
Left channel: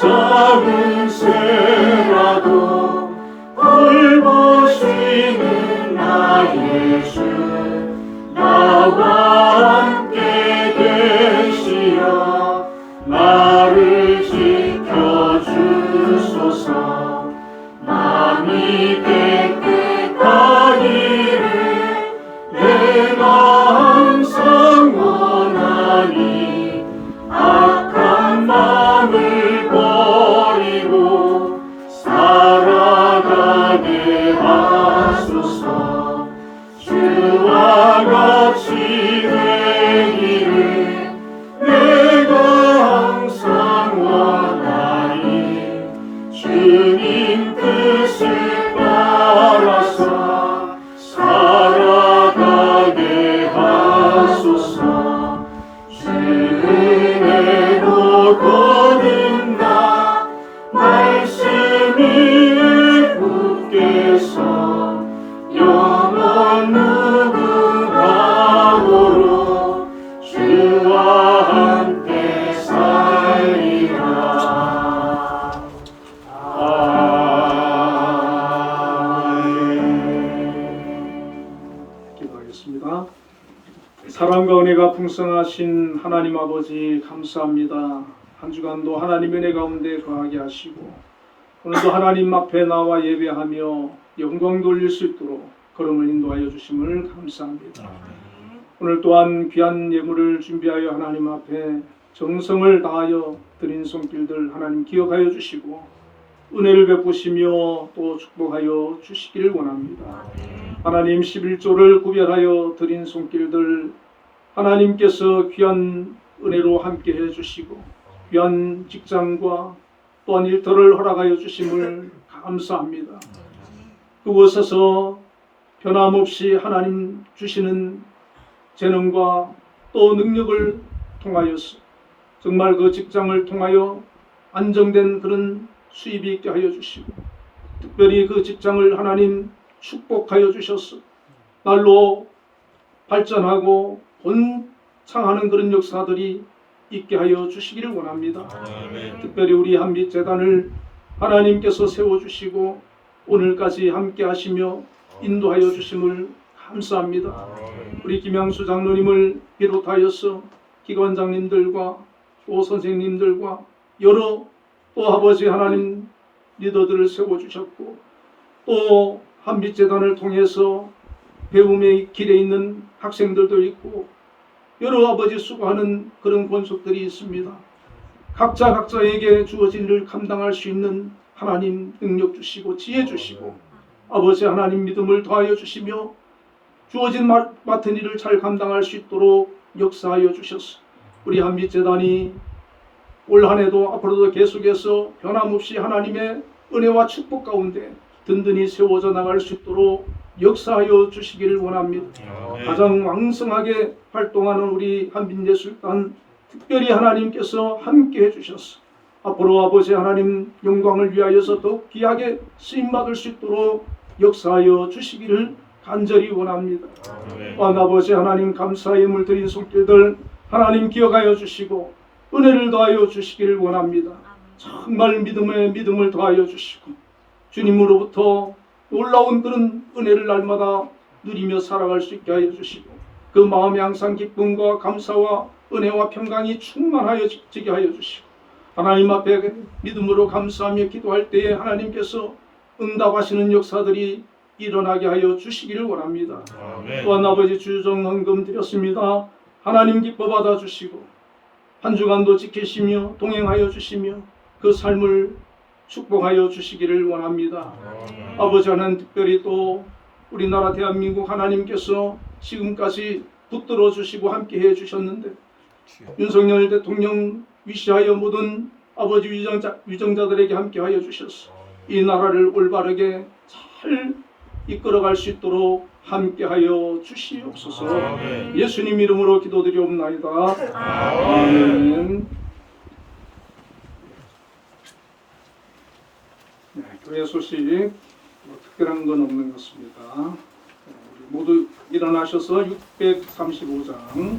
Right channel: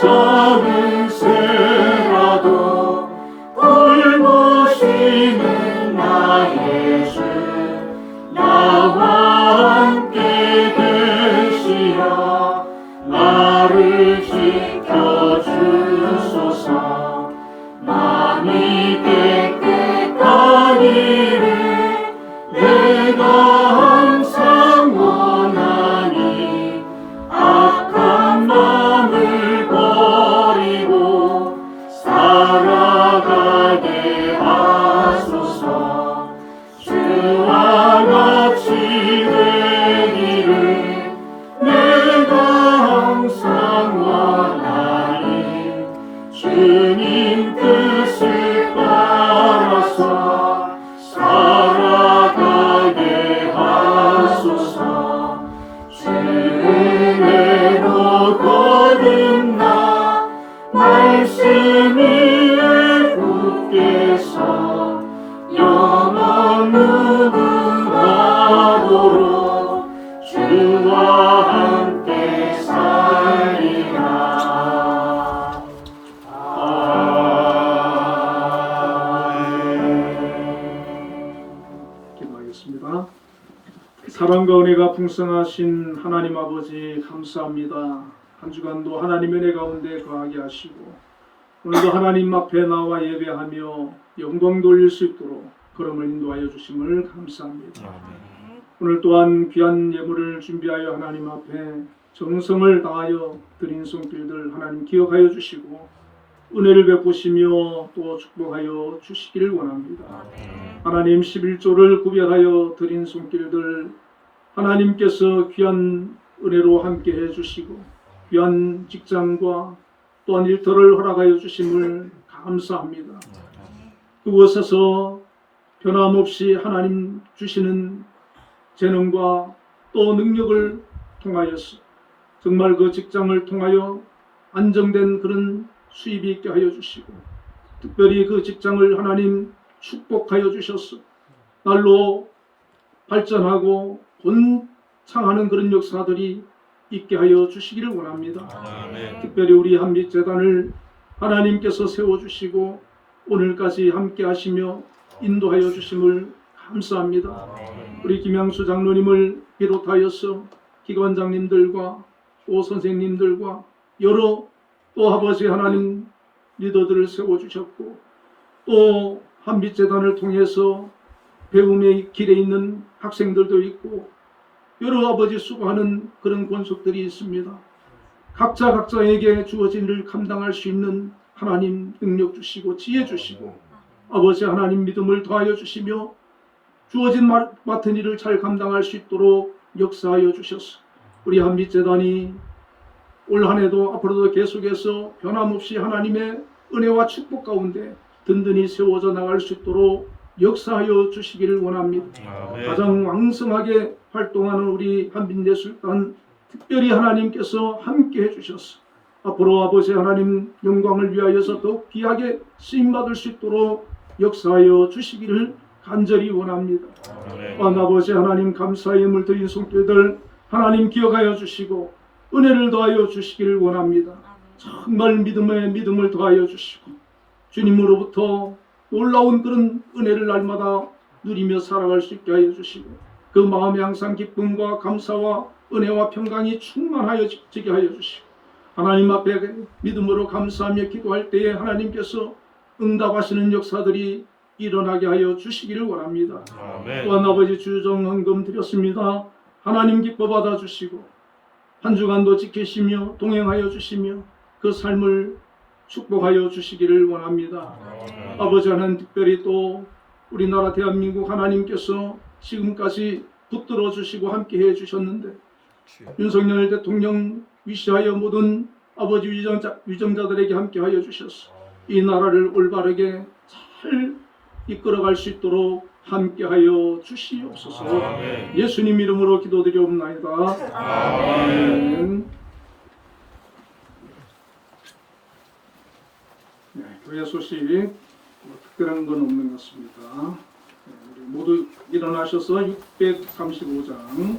작은 새라도 돌보시는 나의 주, 나와 함께 계시어 나를 지켜주소서. 마음이 깨끗하기를 내가 항상 원하니 악한 마음을 버리고 살아가게 하소서. 주와 같이 되기를 내가 항상 원하니 주님 뜻을 따라서 살아가게 하소서. 주 은혜로 거듭나 말씀 위에 굳게서 영원 무궁함으로 주와 함께 살리라. 기도하겠습니다. 사랑과 은혜가 풍성하신 하나님 아버지 감사합니다. 한 주간도 하나님의 은혜 가운데 거하게 하시고 오늘도 하나님 앞에 나와 예배하며 영광 돌릴 수 있도록 걸음을 인도하여 주심을 감사합니다. 오늘 또한 귀한 예물을 준비하여 하나님 앞에 정성을 다하여 드린 손길들 하나님 기억하여 주시고 은혜를 베푸시며 또 축복하여 주시기를 원합니다. 하나님 11조를 구별하여 드린 손길들 하나님께서 귀한 은혜로 함께 해주시고 귀한 직장과 또한 일터를 허락하여 주심을 감사합니다. 그곳에서 변함없이 하나님 주시는 재능과 또 능력을 통하여서 정말 그 직장을 통하여 안정된 그런 수입이 있게 하여 주시고 특별히 그 직장을 하나님 축복하여 주셔서 날로 발전하고 본 창하는 그런 역사들이 있게 하여 주시기를 원합니다. 아멘. 특별히 우리 한빛재단을 하나님께서 세워주시고 오늘까지 함께 하시며 인도하여 주심을 감사합니다. 우리 김양수 장로님을 비롯하여서 기관장님들과 또 선생님들과 여러 또 아버지 하나님 리더들을 세워주셨고 또 한빛재단을 통해서 배움의 길에 있는 학생들도 있고 여러 아버지 수고하는 그런 권속들이 있습니다. 각자에게 주어진 일을 감당할 수 있는 하나님 능력 주시고 지혜 주시고 아버지 하나님 믿음을 더하여 주시며 주어진 맡은 일을 잘 감당할 수 있도록 역사하여 주셨소. 우리 한빛재단이 올 한해도 앞으로도 계속해서 변함없이 하나님의 은혜와 축복 가운데 든든히 세워져 나갈 수 있도록 역사하여 주시기를 원합니다. 아멘. 가장 왕성하게 활동하는 우리 한빛예술단 특별히 하나님께서 함께 해주셨소. 앞으로 아버지 하나님 영광을 위하여서 더욱 귀하게 쓰임받을 수 있도록 역사하여 주시기를 간절히 원합니다. 아멘. 또한 아버지 하나님 감사의 예물 드린 손길들 하나님 기억하여 주시고 은혜를 더하여 주시기를 원합니다. 정말 믿음을 더하여 주시고 주님으로부터 놀라운 그런 은혜를 날마다 누리며 살아갈 수 있게 하여 주시고 그 마음에 항상 기쁨과 감사와 은혜와 평강이 충만하여지게 하여 주시고 하나님 앞에 믿음으로 감사하며 기도할 때에 하나님께서 응답하시는 역사들이 일어나게 하여 주시기를 원합니다. 아멘. 또한 아버지 주정 헌금 드렸습니다. 하나님 기뻐 받아주시고 한 주간도 지키시며 동행하여 주시며 그 삶을 축복하여 주시기를 원합니다. 아버지 하나님 특별히 또 우리나라 대한민국 하나님께서 지금까지 붙들어 주시고 함께 해 주셨는데 윤석열 대통령 위시하여 모든 아버지 위정자들에게 함께 하여 주셔서 이 나라를 올바르게 잘 이끌어갈 수 있도록 함께하여 주시옵소서. 아멘. 예수님 이름으로 기도드리옵나이다. 아멘. 아멘. 네, 교회 소식 특별한 건 없는 것 같습니다. 네, 우리 모두 일어나셔서 635장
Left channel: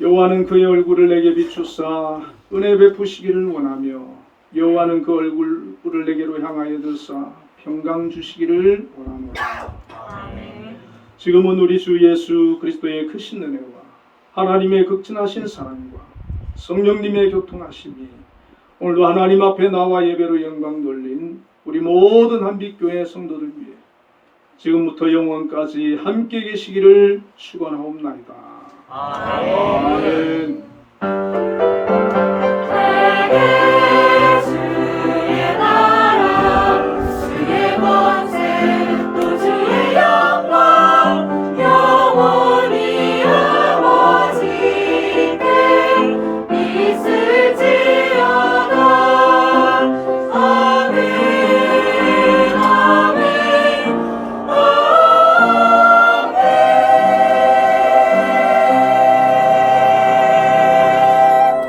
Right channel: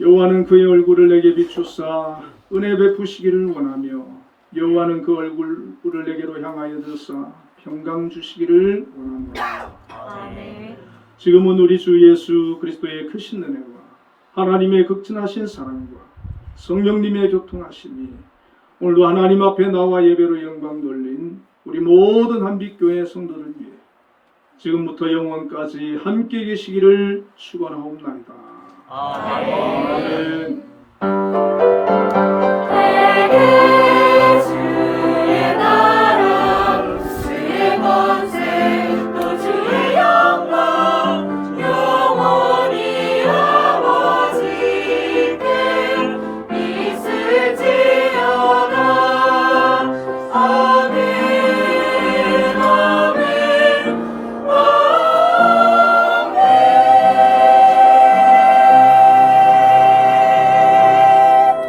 여호와는 그의 얼굴을 내게 비추사 은혜 베푸시기를 원하며 여호와는 그 얼굴을 내게로 향하여 들사 평강 주시기를 원하노라. 지금은 우리 주 예수 그리스도의 크신 은혜와 하나님의 극진하신 사랑과 성령님의 교통하심이 오늘도 하나님 앞에 나와 예배로 영광 돌린 우리 모든 한빛교회 성도들 위해 지금부터 영원까지 함께 계시기를 축원하옵나이다. 아멘.